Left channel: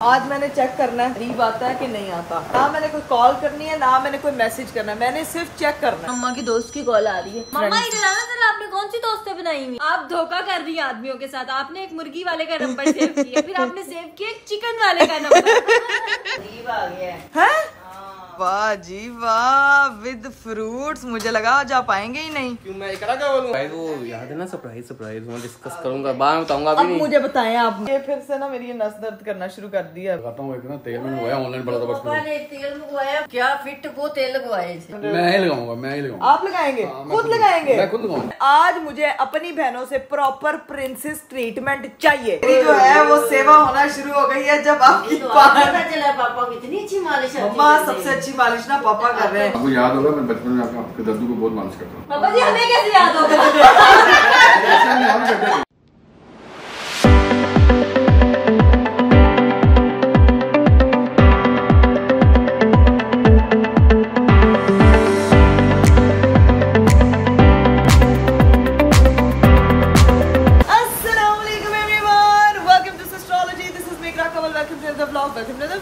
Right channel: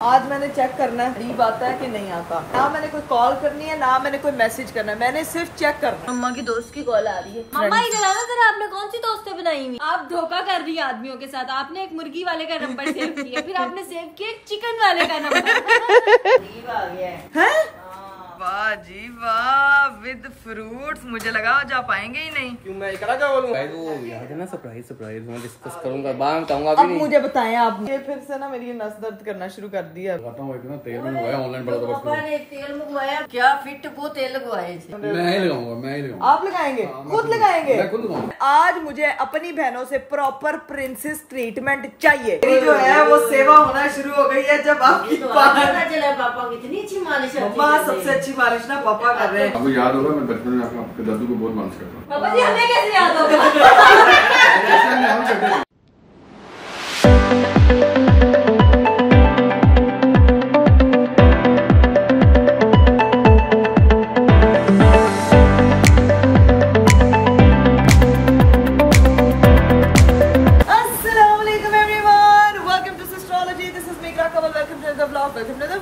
आज मैंने चेक करना है करीब आता है कि नहीं आता। ना मैंने कोई कॉल करनी है ना मैंने कोई मैसेज करना है, मैंने सिर्फ चेक करना है। मम्मा की दोस्त की कॉल आ रही है। मम्मा इधर आना जरा, आपने कौन सी दोस्तें बनाई हुई? आप धोखा कर रही हैं आदमियों के साथ। आपने एक मुर्गी वाले का नंबर सेव किया, फिर आपने सेव किया एक चिकन वाले का नंबर। अजीब आ गया है। वाह जी वाह, विद फ्रूट्स। मुझे लगा आज आप आएंगे ही नहीं। क्यों, मैं क्या बोलूं? वो याद है ना, सरप्राइज मैं डिस्कस करूंगा, बाद में बताऊंगा। अब मुझे बताएं आप, ये फिर से ना मेरी नस दर्द करना शुरू कर दिया। बताता हूं, इतना तेल मंगवाया ऑनलाइन, बड़ा पापा ने तेल मंगवाया, क्या फिट वो तेल लगवाए थे। मैं ही लगाऊंगा। आप लगाएंगे? खुद लगाएंगे? मैं खुद लगाऊंगा। आज मुझे अपनी बहनों से प्रॉपर प्रिंसेस ट्रीटमेंट चाहिए। जो है वो सेवा होना शुरू हो गई है जब आपकी पापा की इतनी अच्छी मालिश। मम्मा सबसे अच्छी मालिश ना पापा कर रहे हैं। आपको याद होगा मैं बचपन में आपके दादू को बहुत मालिश करता हूँ। पापा जी हमें कैसे याद होगा?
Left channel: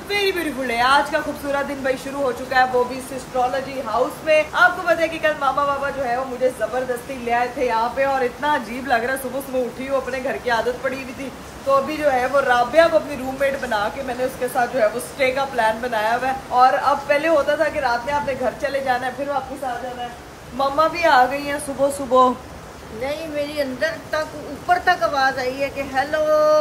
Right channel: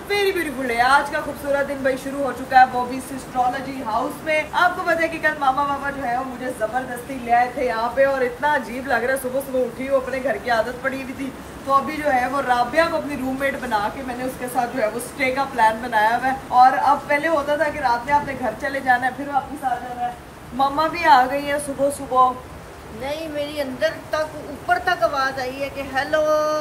Very beautiful day. आज का खूबसूरत दिन भाई शुरू हो चुका है, वो भी एस्ट्रोलॉजी हाउस में। आपको पता है कि कल मामा बाबा जो है वो मुझे जबरदस्ती ले आए थे यहाँ पे, और इतना अजीब लग रहा है। सुबह सुबह उठी वो अपने घर की आदत पड़ी हुई थी, तो अभी जो है वो राबिया को अपनी रूममेट बना के मैंने उसके साथ जो है वो स्टे का प्लान बनाया हुआ है। और अब पहले होता था कि रात में आपने घर चले जाना है फिर वापस आ जाना है। मम्मा भी आ गई है सुबह सुबह। नहीं, मेरी अंदर तक ऊपर तक आवाज आई है कि हेलो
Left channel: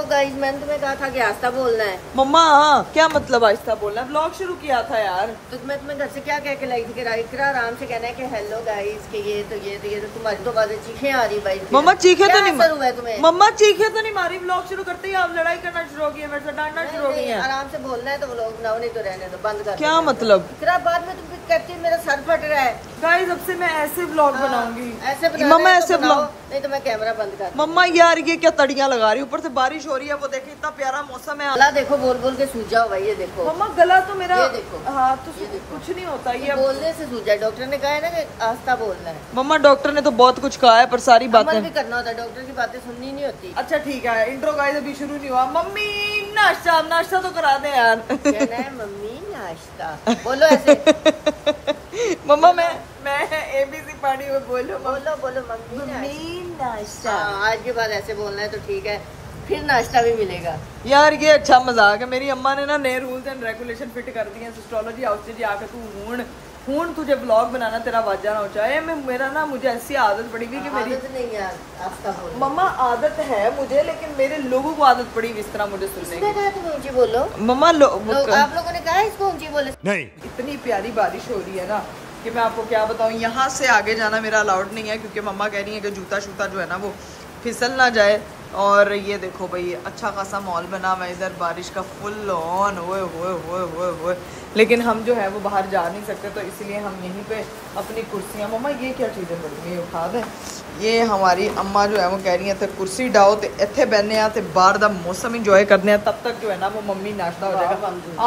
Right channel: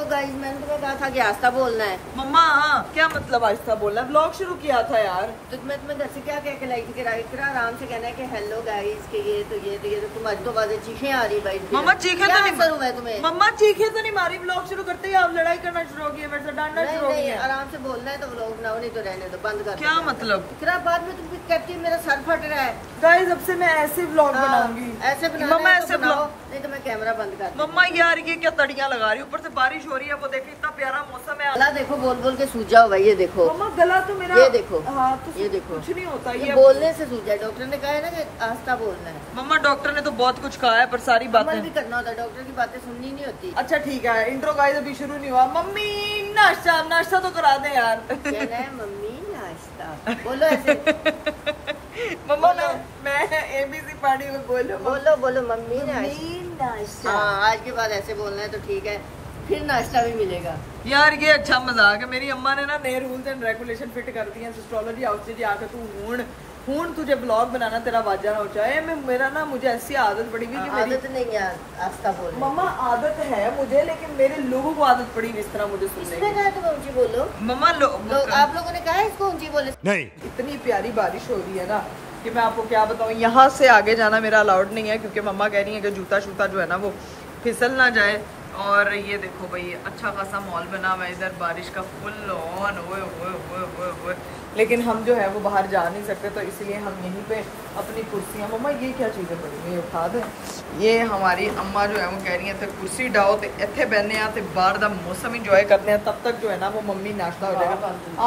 गाइस। मैंने तुम्हें कहा था कि आस्था बोलना है। मम्मा हाँ, क्या मतलब आहिस्ता बोलना है? ब्लॉग शुरू किया था यार। तो मैं तुम्हें घर से क्या कह के लाई थी कि इकरा आराम से कहना है कि हेलो गाइस, कि ये तो तुम्हारी तो बातें चीखें आ रही भाई। मम्मा चीखे तो नहीं हुआ है तुम्हें? मम्मा चीखे तो नहीं मारी। ब्लॉग शुरू करते ही आप लड़ाई करना शुरू हो गई है, मेरे से डांटना शुरू हो गई है। आराम से बोलना है तो व्लॉग बनाओ, नहीं तो रहने दो, बंद कर। क्या मतलब? इकरा बाद में तुम फिर कहती है मेरा सर फट रहा है। गाइस अब से मैं ऐसे व्लॉग बनाऊंगी। ऐसे मम्मा ऐसे बनाओ, नहीं तो मैं कैमरा बंद कर। मम्मा यार ये क्या तड़ियां लगा रही, ऊपर से बारिश हो रही है। वो देखो इतना प्यारा मौसम है। गला देखो, बोल बोल के सूझ जाओ भाई। ये देखो मम्मा गला तो मेरा, ये देखो। हाँ तो ये देखो, कुछ नहीं होता ये बोलने से सूझ जाए। डॉक्टर ने कहा है ना कि आस्था बोलना है। मम्मा डॉक्टर ने तो बहुत कुछ कहा है पर सारी अमल बातें भी करना होता है, डॉक्टर की बातें सुननी नहीं होती। अच्छा ठीक है, इंट्रो गाइस अभी शुरू नहीं हुआ। मम्मी नाश्ता तो करा दे यार। कहना है मम्मी नाश्ता, बोलो ऐसे। मम्मा मैं ABC पढ़ी हुई, बोलो बोलो मम्मी नाश्ता। आज के बाद ऐसे बोलना है तो ठीक है, फिर नाश्ता भी मिलेगा। यार ये अच्छा मजाक है। मेरी अम्मा ने ना नए रूल्स एंड रेगुलेशन फिट कर दिए हैं एस्ट्रोलॉजी हाउस से। आकर तू हूं तुझे ब्लॉग बनाना तेरा वाजा ना हो जाए। मेरा ना मुझे ऐसी आदत पड़ी हुई कि मेरी आदत नहीं है आस्था बोलने। मम्मा आदत है मुझे, लेकिन मेरे लोगों को आदत पड़ी हुई इस तरह मुझे सुनने की। कहा तुम ऊंची बोलो मम्मा आप लोगों ने कहा इसको ऊंची बोले नहीं। इतनी प्यारी बारिश हो रही है ना कि मैं आपको क्या बताऊं। यहाँ से आगे जाना मेरा अलाउड नहीं है क्योंकि मम्मा कह रही है कि जूता शूता जो है ना वो फिसल ना जाए। और ये देखो भाई अच्छा खासा मॉल बना हुआ है इधर, बारिश का फुल ऑन हुए। लेकिन हम जो है वो बाहर जा नहीं सकते, तो इसलिए हम यहीं पे अपनी कुर्सियाँ। मम्मा ये क्या चीज़ें पड़ी हुई, उठा दें? ये हमारी अम्मा जो है वो कह रही है थे कुर्सी डाओ तो इतने बहने आते बाहर का मौसम इंजॉय करने हैं, तब तक जो है ना वो मम्मी नाश्ता हो जाएगा।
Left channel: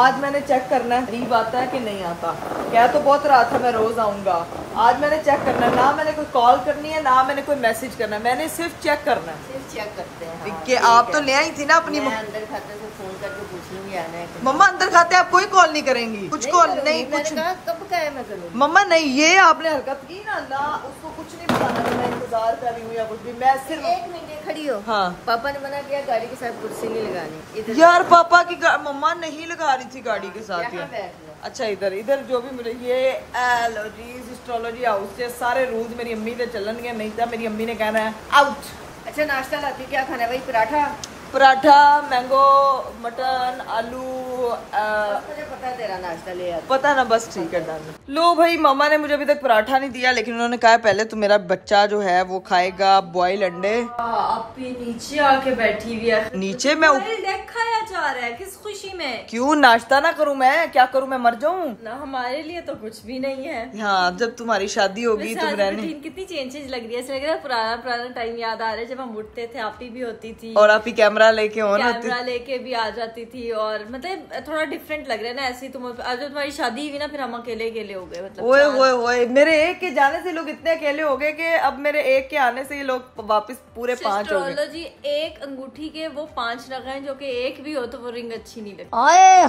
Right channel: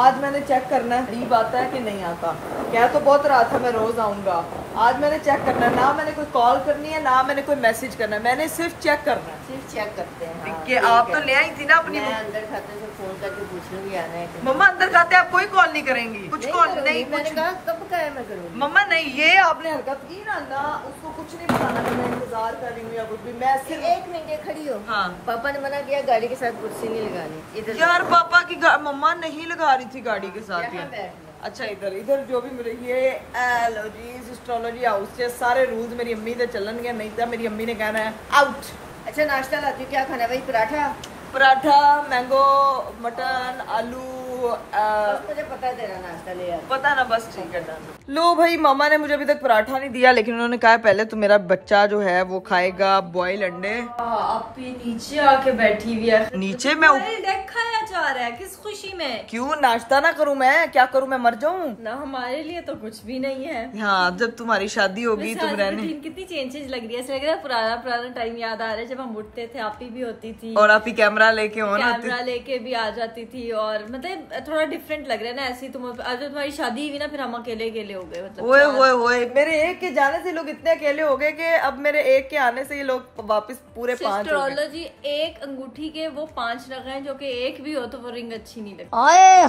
आज मैंने चेक करना है करीब आता है कि नहीं आता। क्या तो बहुत रात था मैं रोज आऊँगा, आज मैंने चेक करना है। ना मैंने कोई कॉल करनी है ना मैंने कोई मैसेज करना है, मैंने सिर्फ चेक करना है। सिर्फ चेक करते हैं। हाँ, कि आप तो ले आई थी ना अपनी। मैं अंदर खाते से फोन करके पूछ लूंगी आना है। मम्मा अंदर खाते आप कोई कॉल नहीं करेंगी? कुछ कॉल नहीं, मैंने कहा कब का है मैं करूँगी। मम्मा नहीं, ये आपने हरकत की ना उसको कुछ नहीं बताना कि मैं इंतजार कर रही हूँ या कुछ भी। मैं सिर्फ एक मिनट खड़ी हो। हाँ पापा ने मना किया गाड़ी के साथ कुर्सी नहीं लगानी। यार पापा की मम्मा नहीं लगा रही थी गाड़ी के साथ यार। अच्छा इधर जो भी मुझे ये एलर्जीज एस्ट्रोलॉजी हाउस से सारे रूल्स मेरी अम्मी से चलन गए, नहीं था मेरी अम्मी ने कहना है आउट। अच्छा नाश्ता लाती हूँ, क्या खाना है भाई? पराठा मैंगो मटन आलू। मुझे पता तेरा नाश्ता ले आता, पता ना, बस ठीक है। लो भाई मामा ने मुझे अभी तक पराठा नहीं दिया, लेकिन उन्होंने कहा पहले तो मेरा बच्चा जो है वो खाएगा बॉयल अंडे। आप नीचे आके बैठी हुई है। नीचे मैं खाया जा रहा है किस खुशी में? क्यों नाश्ता ना करूं? मैं क्या करूं? मैं मर जाऊं? ना हमारे लिए तो कुछ भी नहीं है। हाँ जब तुम्हारी शादी होगी तुम रहने। कितनी चेंजेस लग रही है, ऐसा लग रहा है पुराना टाइम याद आ रहा है जब हम उठते थे, आप ही भी होती थी और आप ही कैमरा कैमरा लेके कैमरा लेके भी आ जाती थी। और मतलब थोड़ा डिफरेंट लग रहा है ना ऐसे। तुम अब जब तुम्हारी शादी हुई ना फिर हम अकेले अकेले हो गए। मतलब ओए मेरे एक के जाने से लोग इतने अकेले हो गए कि अब मेरे एक के आने से ये लोग वापस पूरे 5 हो गए। जी एक अंगूठी के वो 5 रख हैं, जो कि एक भी हो तो वो रिंग अच्छी नहीं लगती। हाय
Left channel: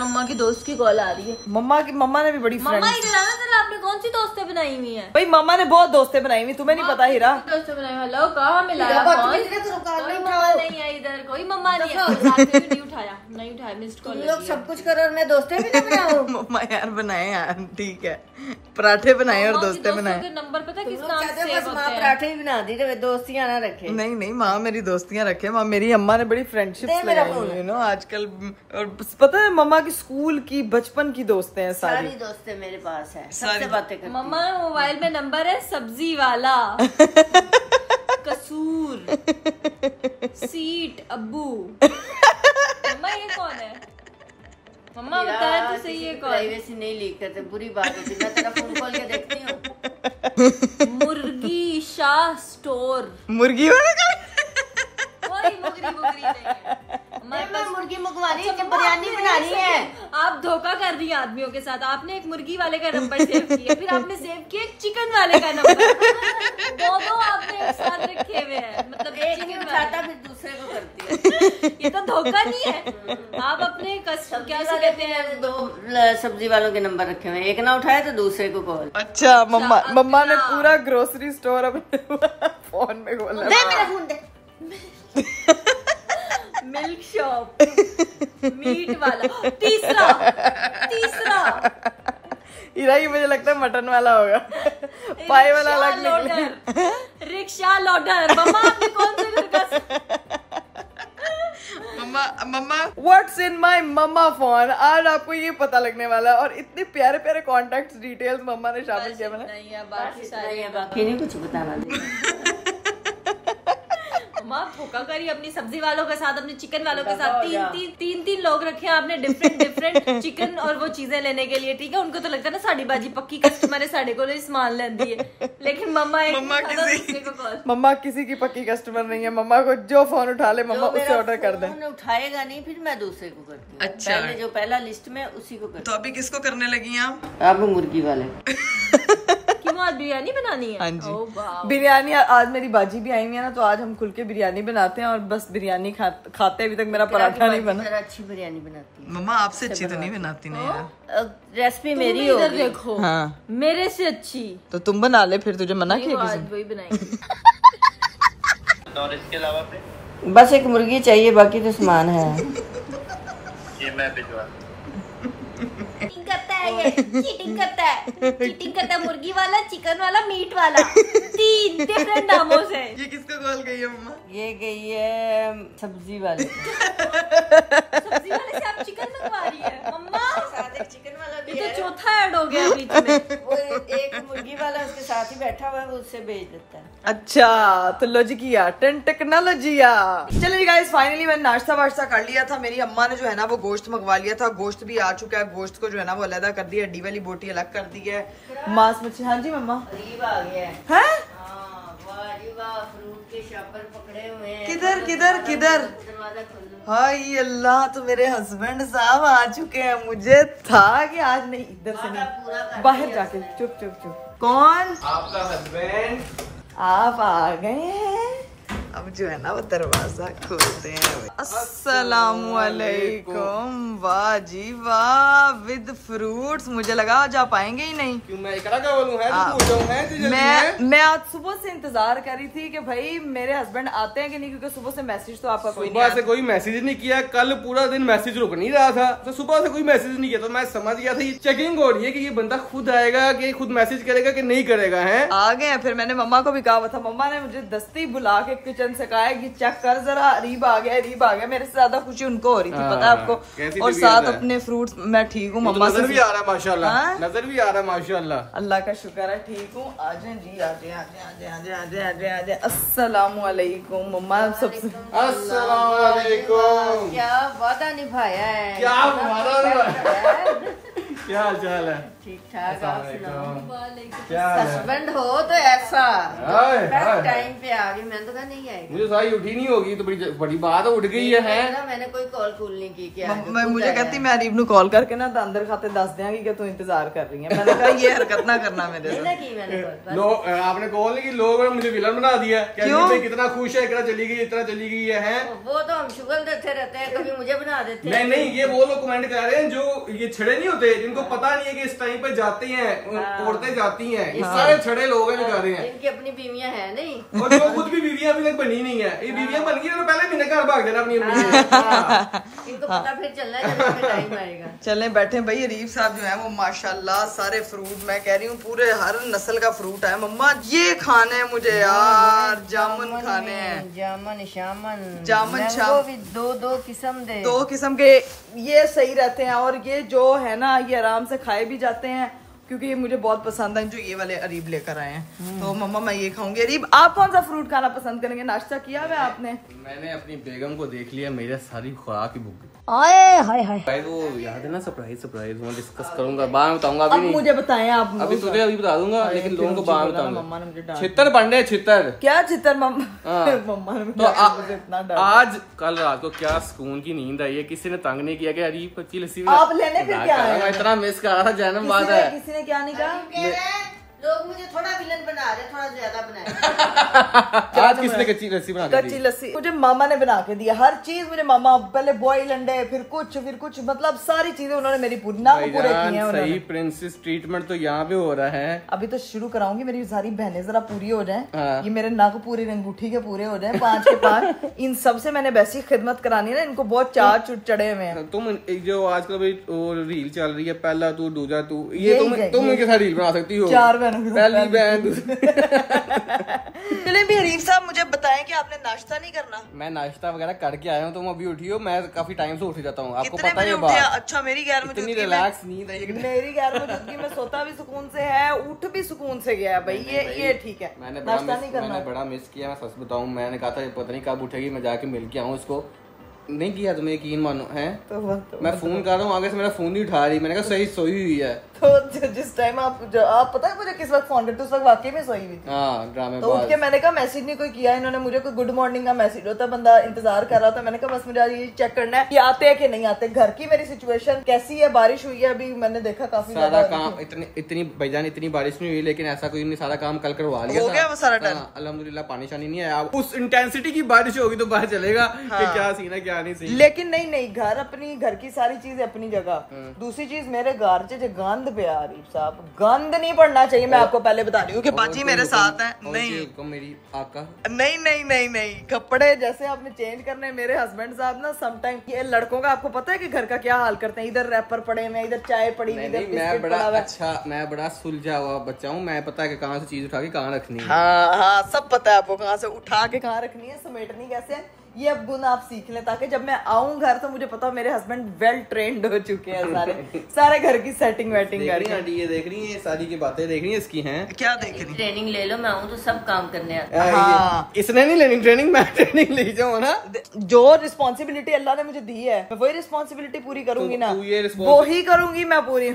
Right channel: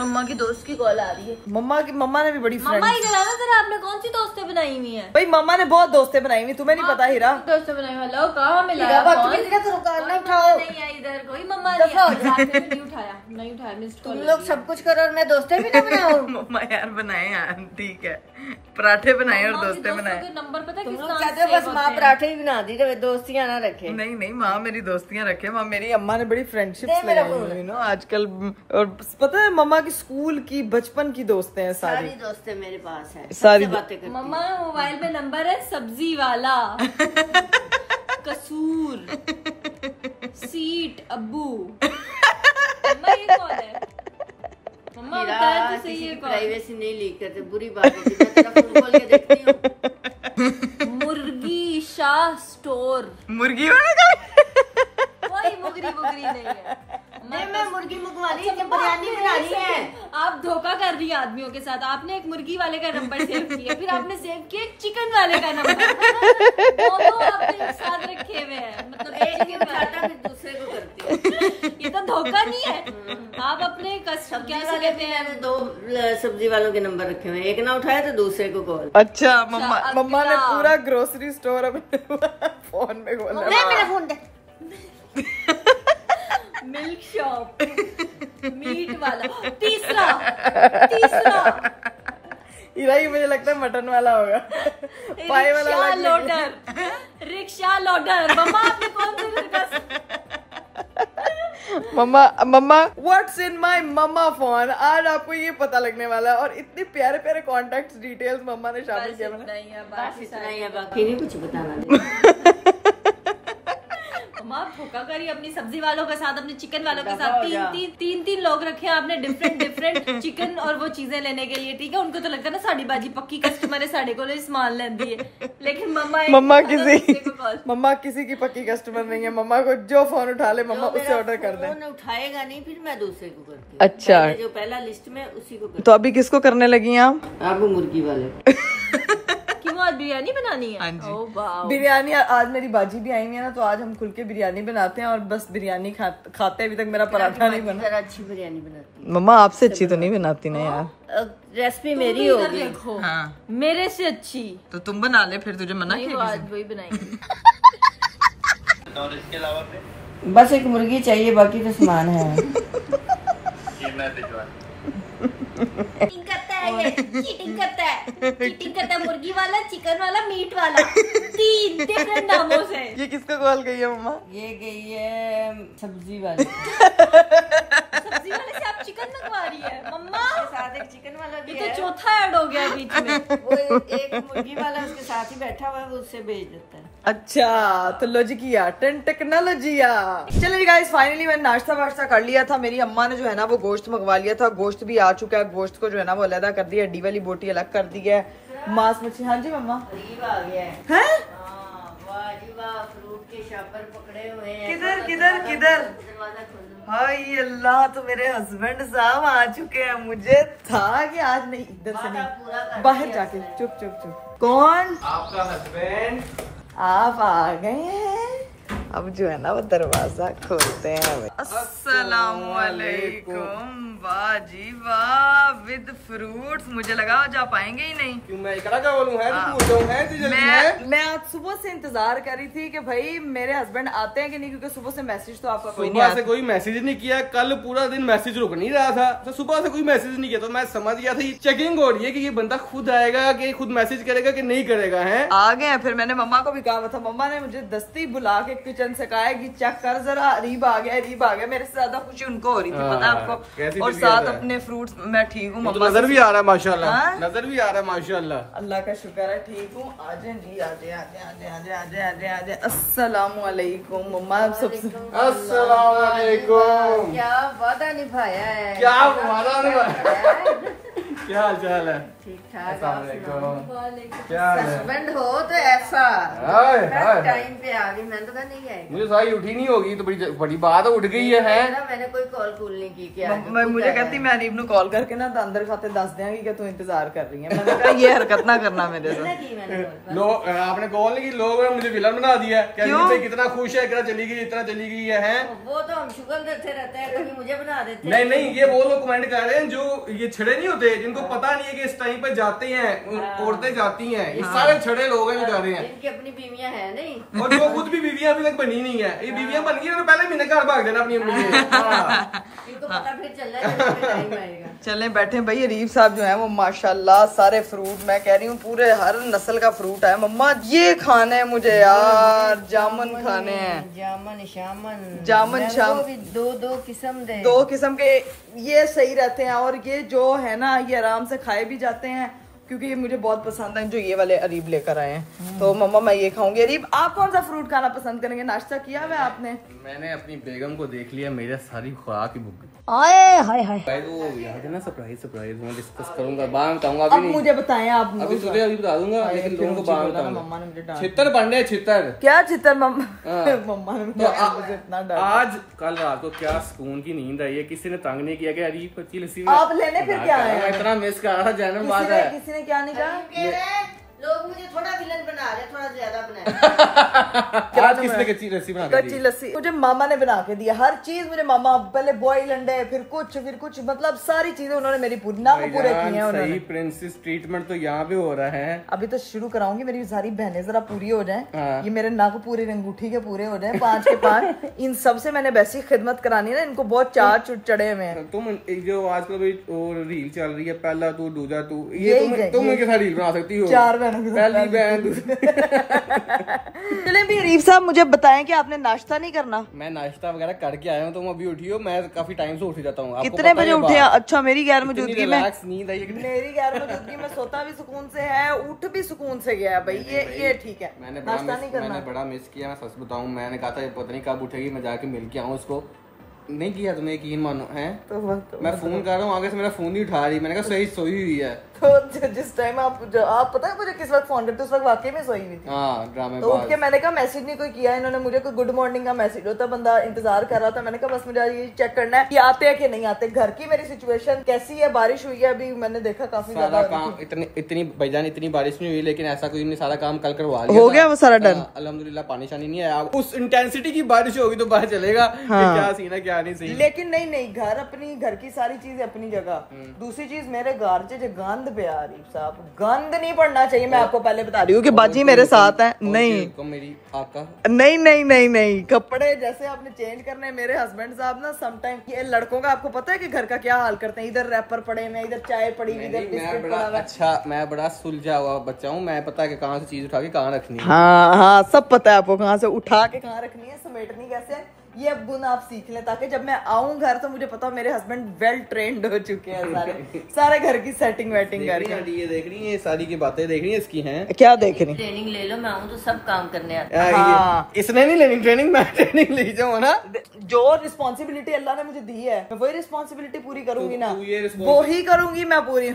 मम्मा की दोस्त की कॉल आ रही है। मम्मा ने भी बड़ी फ्रेंड। मम्मा इधर जरा, आपने कौन सी दोस्तें बनाई हुई हैं? भाई मम्मा ने बहुत दोस्तें बनाई हुई, तुम्हें नहीं पता हीरा? दोस्तें बनाई। हेलो कहाँ मिलाया फोन? नहीं है इधर कोई। मम्मा नहीं उठाया, नहीं उठाया। Missed call. लोग सब कुछ करो और मैं दोस्तें भी ना बनाऊं। मम्मा यार बनाए यार, ठीक है, पराठे बनाए और दोस्तें बनाए। नंबर पता किस नाम कहते से? हो बस माँ पराठे ही बना दी तो दोस्तियां ना रखे। नहीं माँ मेरी दोस्तियां रखे। माँ मेरी अम्मा ने बड़ी फ्रेंडशिप्स लगाई हुई है ना आजकल। और पता है मम्मा की स्कूल की बचपन की दोस्तें हैं सारी दोस्तें मेरे पास है, सारी बातें करती। मम्मा मोबाइल में नंबर है सब्जी वाला, कसूर, सीट, अब्बू। मम्मा ये कौन है? मम्मा बताया तो सही है कौन? प्राइवेसी नहीं लीक करते, बुरी बात होती है। मैं तेरा फोन खोल के देखती हूँ। मुर्गी शाह स्टोर। मुर्गी वाले कोई मुर्गी नहीं है। मैं मुर्गी मंगवानी है, बिरयानी बनानी है। आप धोखा कर रही हैं आदमियों के साथ। आपने एक मुर्गी वाले का नंबर सेव किया, फिर आपने सेव किया एक चिकन वाले का नंबर। दोनों आपने एक साथ रखे हुए हैं। मतलब एक ही उठाता फिर दूसरे को करती है। ये तो धोखा नहीं है। आप अपने कस्टमर क्या से कहते हैं? 2 सब्जी वालों के नंबर रखे हुए, एक ना उठाए तो दूसरे को कॉल। अच्छा मम्मा ने पूरा ग्रोसरी स्टोर अपने फोन में खोला। मेरा फोन दे। मिल्क शॉप, मीट वाला, तीसरा हीरा ही मुझे लगता है मटन वाला होगा। पाई वाला अलग निकले। Rickshaw loader. मम्मा आपने कौन से घर का? Mamma what's in my mamma phone. आज आपको ये पता लगने वाला है। और इतने प्यारे प्यारे कॉन्टेक्ट डिटेल्स मम्मा ने शामिल किया। मैंने नहीं है बाकी सारे नहीं है, बाकी नहीं कुछ बताना दे। मम्मा धोखा करी अपनी सब्जी वालों के साथ, अपने चिकन वालों के साथ। तीन लोग रखे हैं आपने डिफरेंट चिकन और वो चीजें लेने के लिए। ठीक है, उनको तो लगता है ना साड़ी बाजी पक्की कस्टमर है, साढ़े को सामान लेंदी है। लेकिन मम्मा किसी की पक्की कस्टमर नहीं है। मम्मा को जो फोन उठा ले मम्मा उससे ऑर्डर कर दे। उठाएगा नहीं फिर मैं दूसरे को करती हूँ। अच्छा, जो पहला लिस्ट में उसी को करती। तो अभी किसको करने लगी हैं आप? अब मुर्गी वाले। क्यों आज बिरयानी बनानी है? हाँ जी बिरयानी। आज मेरी बाजी भी आई हुई है ना, तो आज हम खुल के बिरयानी बनाते हैं। और बस बिरयानी खाते अभी तक मेरा पराठा नहीं बना। अच्छी बिरयानी बनाती हूँ। मम्मा आपसे अच्छी तो नहीं बनाती ना यार। रेसिपी मेरी होगी। देखो हाँ मेरे से अच्छी तो तुम बना ले, फिर तुझे मना किया? आज वही बनाएंगे। और इसके अलावा बस एक मुर्गी चाहिए, बाकी तो सामान है। ये मैं भिजवा। चीटिंग करता है ये, चीटिंग करता है मुर्गी वाला, चिकन वाला, मीट वाला। 3 डिफरेंट नामों से। ये किसको कॉल गई है मम्मा? ये गई है सब्जी वाले। सब्जी वाले से आप चिकन मंगवा रही है मम्मा? चिकन वाला ये तो चौथा ऐड हो गया बीच में। वो एक मुर्गी वाला उसके साथ ही बैठा हुआ है, वो उससे भेज देता है। अच्छा तो लॉजिकिया टेक्नोलॉजिया। चलिए गाइस फाइनली मैंने नाश्ता वाश्ता कर लिया था। मेरी अम्मा ने जो है ना वो गोश्त मंगवा लिया था। गोश्त भी आ चुका है। गोश्त को जो है ना वो अलग कर दिया, हड्डी वाली बोटी अलग कर दी है। मांस मच्छी। हाँ जी मम्मा। गरीब आ गया है। हैं? फ्रूट के शॉपर पकड़े हुए हैं। किधर किधर किधर? दरवाजा खोलो। हाय अल्लाह, तो मेरे हस्बैंड साहब आ चुके हैं। मुझे था कि आज नहीं, इधर से नहीं, बाहर जाके। चुप। कौन? आपका हस्बैंड। आप आ गए हैं। अब जो है ना वो दरवाजा खोलते हैं। अस्सलामुअलैकुम। वाह जी वाह, विद फ्रूट्स। मुझे लगा आज आप आएंगे ही नहीं। क्यों मैं इकरा क्या बोलूं? है तो पूछो है तो जल्दी है। मैं आज सुबह से इंतजार कर रही थी कि भाई मेरे हस्बैंड आते हैं कि नहीं, क्योंकि सुबह से मैसेज तो आपका कोई सुबह से कोई मैसेज नहीं किया। कल पूरा दिन मैसेज रुक नहीं रहा था, तो सुबह से कोई मैसेज नहीं किया। तो मैं समझ गया था ये चेकिंग हो रही है कि ये बंदा खुद आएगा कि खुद मैसेज करेगा कि नहीं करेगा। है आ गए हैं। फिर मैंने मम्मा को भी कहा था। मम्मा ने मुझे दस्ती बुला के किचन से कहा है कि चेक कर जरा, रीब आ गया। मेरे से ज्यादा खुशी उनको हो रही थी, पता है आपको। और साथ अपने फ्रूट्स। मैं ठीक हूँ मम्मा। नजर भी आ रहा है माशाल्लाह। नजर भी आ रहा है माशाल्लाह। अल्लाह का शुक्र है, ठीक हूँ। आजे जी, आजे। अस्सलामुअलैकुम मम्मा। सबसे अस्सलामुअलैकुम। क्या वादा निभाया है। क्या वादा निभाया। क्या हाल चाल है? ठीक ठाक। क्या हाल है? हस्बैंड हो तो ऐसा टाइम पे आ गई। मैंने तो कहा नहीं आएगी। मुझे सारी उठी नहीं होगी तो बड़ी बात उठ गई है। मैंने कोई कॉल कूल नहीं की क्या? मुझे कहती मैं अरीब नु कॉल करके ना अंदर खाते दस देंगी कि तू इंतजार कर रही है। मैंने कहा ये हरकत ना करना मेरे से। लोग आपने कॉल नहीं की, लोगों ने मुझे विलन बना दिया। कितना खुश है, इतना चली गई है। वो तो हम शुगर देते रहते हैं, कभी मुझे बना देते हैं। नहीं, ये वो लोग कमेंट कर रहे हैं जो ये छड़े नहीं होते, जिनको पता नहीं है कि इस टाइम पे जाते हैं, औरतें जाती हैं। ये सारे छड़े लोग हैं जो कर रहे हैं। इनकी अपनी बीवियां हैं नहीं, और जो खुद भी बीवियां अभी तक बनी नहीं है। ये बीवियां बन गई तो पहले महीने घर भाग देना अपनी अम्मी से। इनको पता फिर चलना है जब टाइम आएगा। चले बैठे भाई। अरीब साहब जो है वो माशाल्लाह सारे फ्रूट, मैं कह रही हूँ पूरे हर नस्ल का फ्रूट है। मम्मा ये खाने हैं मुझे यार, जामुन खाने हैं। जामुन जामुन शाम भी दो किस्म दे, 2 किस्म के ये सही रहते हैं। और ये जो है ना ये आराम से खाए भी जाते हैं क्योंकि ये मुझे बहुत पसंद है जो ये वाले अरीब लेकर आए हैं। तो मम्मा मैं ये खाऊंगी। अरीब आप कौन सा फ्रूट खाना पसंद करेंगे? नाश्ता किया हुआ आपने? मैंने अपनी बेगम को देख लिया, मेरा सारी खुराक ही भूख गई। हाय वो याद है ना सरप्राइज मैं डिस्कस करूंगा, बाद में बताऊंगा। अब मुझे बताएं आप। अभी तुझे अभी बता दूंगा, लेकिन लोगों को बाद में बताऊंगा। मम्मा ने मुझे डांट छितर बन रहे छितर। क्या छितर? मम्मा ने मुझे इतना डांटा। आज कल रात को क्या सुकून की नींद आई है। किसी ने तंग नहीं किया कि अरीब कच्ची लस्सी आप लेने फिर क्या आए? मैं इतना मिस कर रहा था, जन्म बाद है। किसी ने क्या नहीं कहा? लोग मुझे थोड़ा विलन बना रहे, थोड़ा ज्यादा बना। आज किसने कच्ची लस्सी बना के दी? कच्ची लस्सी मुझे मामा ने बना के दिया। हर चीज मुझे मामा, पहले बॉयल अंडे, फिर कुछ मतलब सारी चीजें उन्होंने मेरी पूरी नाम पूरे किए हैं उन्होंने। सही प्रिंसेस ट्रीटमेंट तो यहाँ पे हो रहा है। अभी तो शुरू कराऊंगी, मेरी सारी बहनें जरा पूरी हो जाएं। ये मेरे नाक पूरी अंगूठी के पूरे हो जाएं, 5 के 5। इन सब से मैंने वैसी खिदमत करानी है ना, इनको बहुत चार चुट चढ़े हुए हैं। तुम जो आजकल रील चल रही है, पहला तू दूजा तू, ये तुम इनके साथ रील बना सकती हो। 4 बहनों के पहली बहन। चले भी अरीब साहब मुझे बताएं कि आपने नाश्ता नहीं करना? मैं नाश्ता वगैरह करके आया हूँ, तुम अभी उठी हो। मैं काफी टाइम से उठ जाता हूँ, आपको कितने पता बजे है उठे? अच्छा मेरी गैर मौजूदगी में रिलैक्स नींद आई। मेरी गैर मौजूदगी में सोता भी सुकून से है, उठ भी सुकून से गया है भाई। ये ठीक है। मैंने बड़ा मिस किया। मैं सच बताऊँ, मैंने कहा था पता नहीं कब उठेगी, मैं जाके मिल के आऊँ उसको। नहीं किया तुम्हें यकीन मानो है? तो मैं फोन कर रहा हूँ, आगे से मेरा फोन नहीं उठा रही। मैंने कहा सही सोई हुई है। तो जिस टाइम आप पता है मुझे किस वक्त फोन करते, उस वक्त वाकई में सोई हुई थी। हाँ, ड्रामे तो उठ के मैंने कहा मैसेज नहीं कोई किया इन्होंने मुझे, कोई गुड मॉर्निंग का मैसेज होता, बंदा इंतजार कर रहा था। मैंने कहा बस मुझे ये चेक करना है कि आते हैं कि नहीं आते। घर की मेरी सिचुएशन कैसी है? बारिश हुई है अभी, मैंने देखा काफी ज्यादा काम। इतनी भाईजान इतनी बारिश नहीं हुई, लेकिन ऐसा कोई नहीं, सारा काम कल करवा लिया, हो गया वो सारा डन। अल्हम्दुलिल्लाह पानी शानी नहीं आया। उस इंटेंसिटी की बारिश होगी तो पता चलेगा कि क्या सीन है क्या नहीं सीन। लेकिन नहीं, घर की सारी चीजें अपनी जगह। दूसरी चीज मेरे घर से जो गंद पे आ रही साहब, गंद नहीं पड़ना चाहिए। मैं आपको पहले बता रही हूँ कि बाजी मेरे साथ है। नहीं मेरी आका नहीं, कपड़े जैसे आपने चेंज करने हैं। मेरे हस्बैंड साहब ना समटाइम, ये लड़कों का आपको पता है कि घर का क्या हाल करते हैं। इधर रैपर पड़े हुए, इधर चाय पड़ी हुई, इधर बिस्किट पड़ा हुआ। अच्छा, मैं बड़ा सुलझा हुआ बच्चा हूँ, मैं पता है कि कहाँ से चीज उठा के कहाँ रखनी है। हाँ, सब पता है आपको, कहाँ से उठा के कहाँ रखनी है, समेटनी कैसे है। ये अब गुण आप सीख लें ताकि जब मैं आऊं घर तो मुझे पता हो मेरे हस्बैंड वेल ट्रेंड हो चुके हैं। सारे घर की सेटिंग वेटिंग करके। ये देख रही है, ये सारी की बातें देख रही है इसकी हैं। क्या देख रही? ट्रेनिंग ले लो, मैं आऊँ तो सब काम करने आता है। हाँ, इसने नहीं लेनी ट्रेनिंग, मैं ट्रेनिंग ले जाऊँ ना। जो रिस्पॉन्सिबिलिटी अल्लाह ने मुझे दी है मैं वही रिस्पॉन्सिबिलिटी पूरी करूंगी ना, वो वो ही करूंगी मैं पूरी।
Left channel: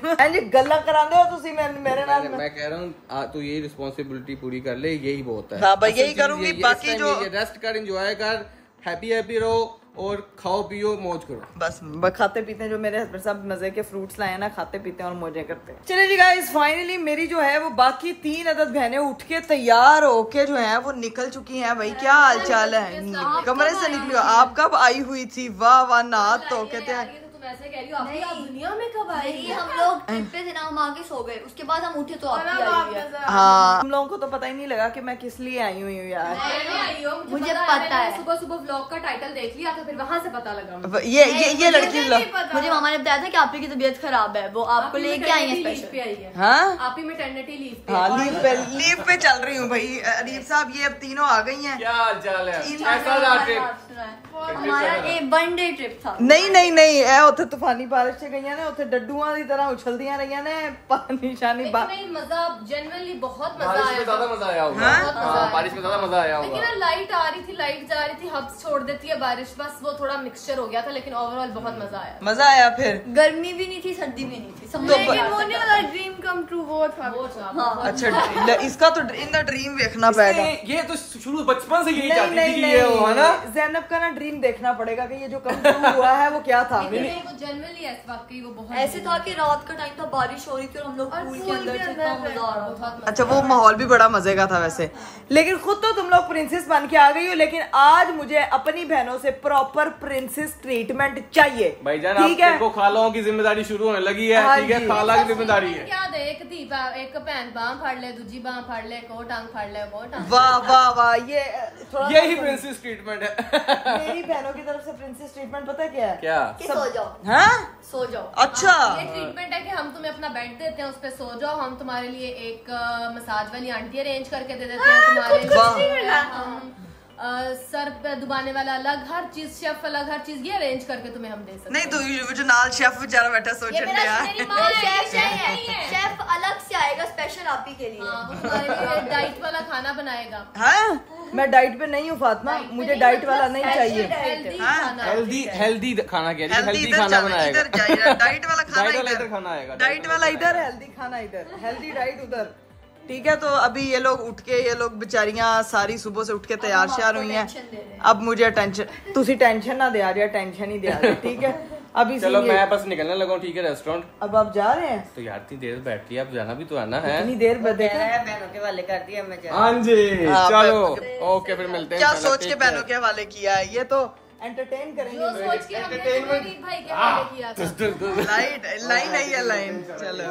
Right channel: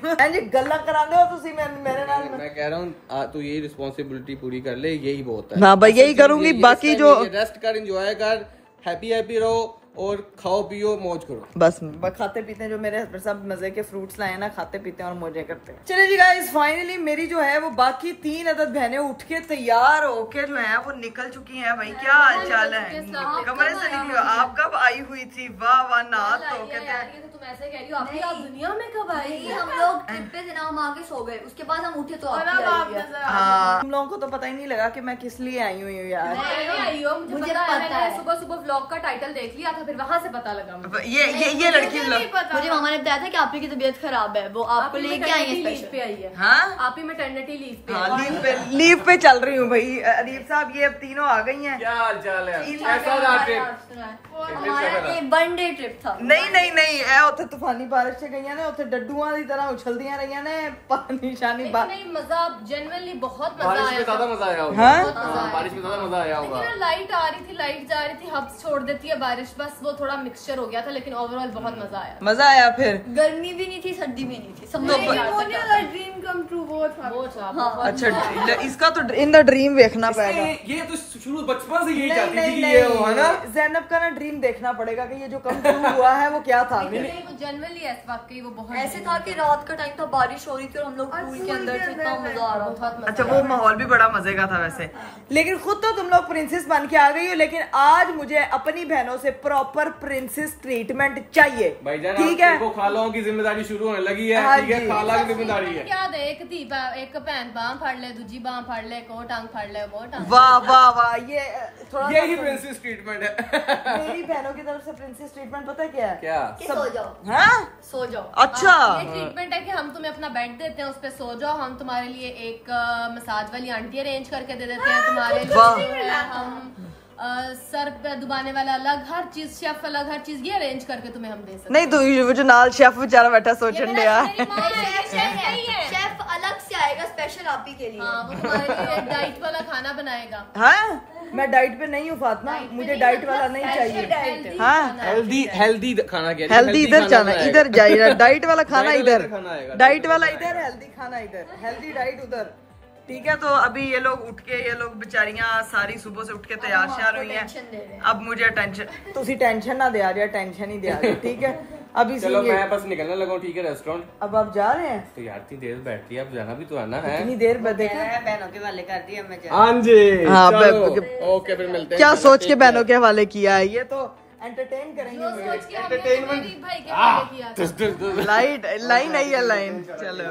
गल्ला करांदे हो तुसी मेरे नाल। मैं कह रहा हूँ तू यही रिस्पॉन्सिबिलिटी पूरी कर ले, यही बहुत है। हाँ भाई, यही करूंगी। बाकी जो रेस्ट कर, एंजॉय कर, हैप्पी रहो और खाओ पियो मौज करो। बस खाते पीते हैं, जो मेरे हस्बैंड साहब मजे के फ्रूट्स लाए ना, खाते पीते हैं और मौजें करते हैं। चलिए जी गाइस, फाइनली मेरी जो है वो बाकी 3 अदद बहनें उठ के तैयार होके जो है वो निकल चुकी हैं। भाई क्या हाल चाल है? कमरे से निकली हो आप? कब आई हुई थी? वाह नाथ तो कहते हैं तुम ऐसे कह रही हो, आप दुनिया में कब आएगी? हम लोग ट्रिप पे थे ना, हम आके सो गए, उसके बाद हम उठे तो हाँ, हम लोगों को तो पता ही नहीं लगा कि मैं किस लिए आई हुई हूँ यार। मुझे पता है, सुबह व्लॉग का टाइटल देख लिया था, फिर वहाँ से पता लगा। ये लड़की मुझे मामा ने बताया था कि आपकी तबीयत खराब है, वो आपको लेके आई है स्पेशल। हाँ, आप ही मैटरनिटी लीव पे। लीव पे चल रही हूँ भाई। अरीब साहब ये अब तीनों आ गई हैं। क्या हाल चाल है? कैसा रहा ट्रिप? वन डे ट्रिप था। नहीं उथे तूफानी बारिश से गई ने, उथे डड्डूआं दी तरह उछलदियां रही ने, पानी शानी मजा जेन्युइनली बहुत मजा आया। मजा आया होगा। हाँ, बारिश में ज्यादा मजा आया होगा। लेकिन लाइट आ रही थी, लाइट जा रही थी, हब्स छोड़ देती है बारिश, बस वो थोड़ा मिक्सचर हो गया था, लेकिन ओवरऑल बहुत मजा आया। फिर गर्मी भी नहीं थी, सर्दी भी नहीं थी। ड्रीम कम ट्रू वो था। अच्छा इसका तो इन द ड्रीम देखना पड़ेगा। ये तो शुरू बचपन से यही नहीं चाहती नहीं थी कि ये हो, है ना? ज़ैनब का ना ड्रीम देखना पड़ेगा कि ये जो कम ट्रू हुआ है वो क्या था। जनरली वाकई वो बहुत ऐसे था कि रात का टाइम था, बारिश हो रही थी और हम लोग पूल के अंदर थे, इतना मजा आ रहा था। अच्छा वो माहौल भी बड़ा मजे का था वैसे। लेकिन खुद तो तुम लोग प्रिंसेस बन के आ गई हो, लेकिन आज मुझे अपनी बहनों से प्रॉपर प्रिंसेस ट्रीटमेंट चाहिए। भाईजान ठीक है, आपको खालाओं की जिम्मेदारी शुरू होने लगी है। हाँ ठीक है, जी। खाला की जिम्मेदारी है। क्या दे एक धी एक भैन बाह फाड़ ले, दूजी बाह फाड़ ले, को टांग फाड़ ले, वो टांग। वाह वाह वाह, ये थोड़ा यही प्रिंसेस ट्रीटमेंट है। मेरी बहनों की तरफ से प्रिंसेस ट्रीटमेंट पता है क्या है? क्या? सो जाओ, हाँ? सो जाओ। अच्छा ये ट्रीटमेंट है कि हम तुम्हें अपना बेड देते हैं, उस पे सो जाओ, हम तुम्हारे लिए एक मसाज वाली आंटी अरेंज करके दे देते हैं तुम्हारे लिए, हम सर पे दुबाने वाला अलग, हर चीज शेफ अलग, हर चीज ये अरेंज करके तुम्हें हम दे सकते हैं। नहीं तो वो जो नाल शेफ बेचारा बैठा सोचने दिया। शेफ अलग से आएगा स्पेशल आप ही के लिए। हाँ, वो तुम्हारे लिए डाइट वाला खाना बनाएगा। हाँ मैं डाइट पे नहीं हूँ फातिमा, मुझे डाइट वाला नहीं चाहिए। हाँ हेल्दी खाना कह रही है। हेल्दी इधर खाना जाना, इधर जाइए। डाइट वाला खाना डाइट वाला इधर, इधर खाना आएगा। डाइट वाला इधर, हेल्दी खाना इधर, हेल्दी डाइट उधर। ठीक है, तो अभी ये लोग उठ के, ये लोग बेचारियां सारी सुबह से उठ के तैयार श्यार हुई हैं। अब मुझे टेंशन, तुसी टेंशन ना दे आ रही, टेंशन ही दे आ रही। ठीक है अभी चलो मैं बस निकलने लगा हूँ। ठीक है रेस्टोरेंट। अब आप जा रहे हैं? तो यार इतनी देर बैठ रही है, अब जाना भी तो है ना। है इतनी देर बाद देखा, बहनों के वाले कर दिया मैं। हाँ जी हाँ, चलो ओके फिर मिलते हैं। क्या चलो, सोच के take बहनों care। के हवाले किया है, ये तो एंटरटेन करेंगे। गरीब भाई के हवाले किया था। लाइन नहीं है, लाइन। चलो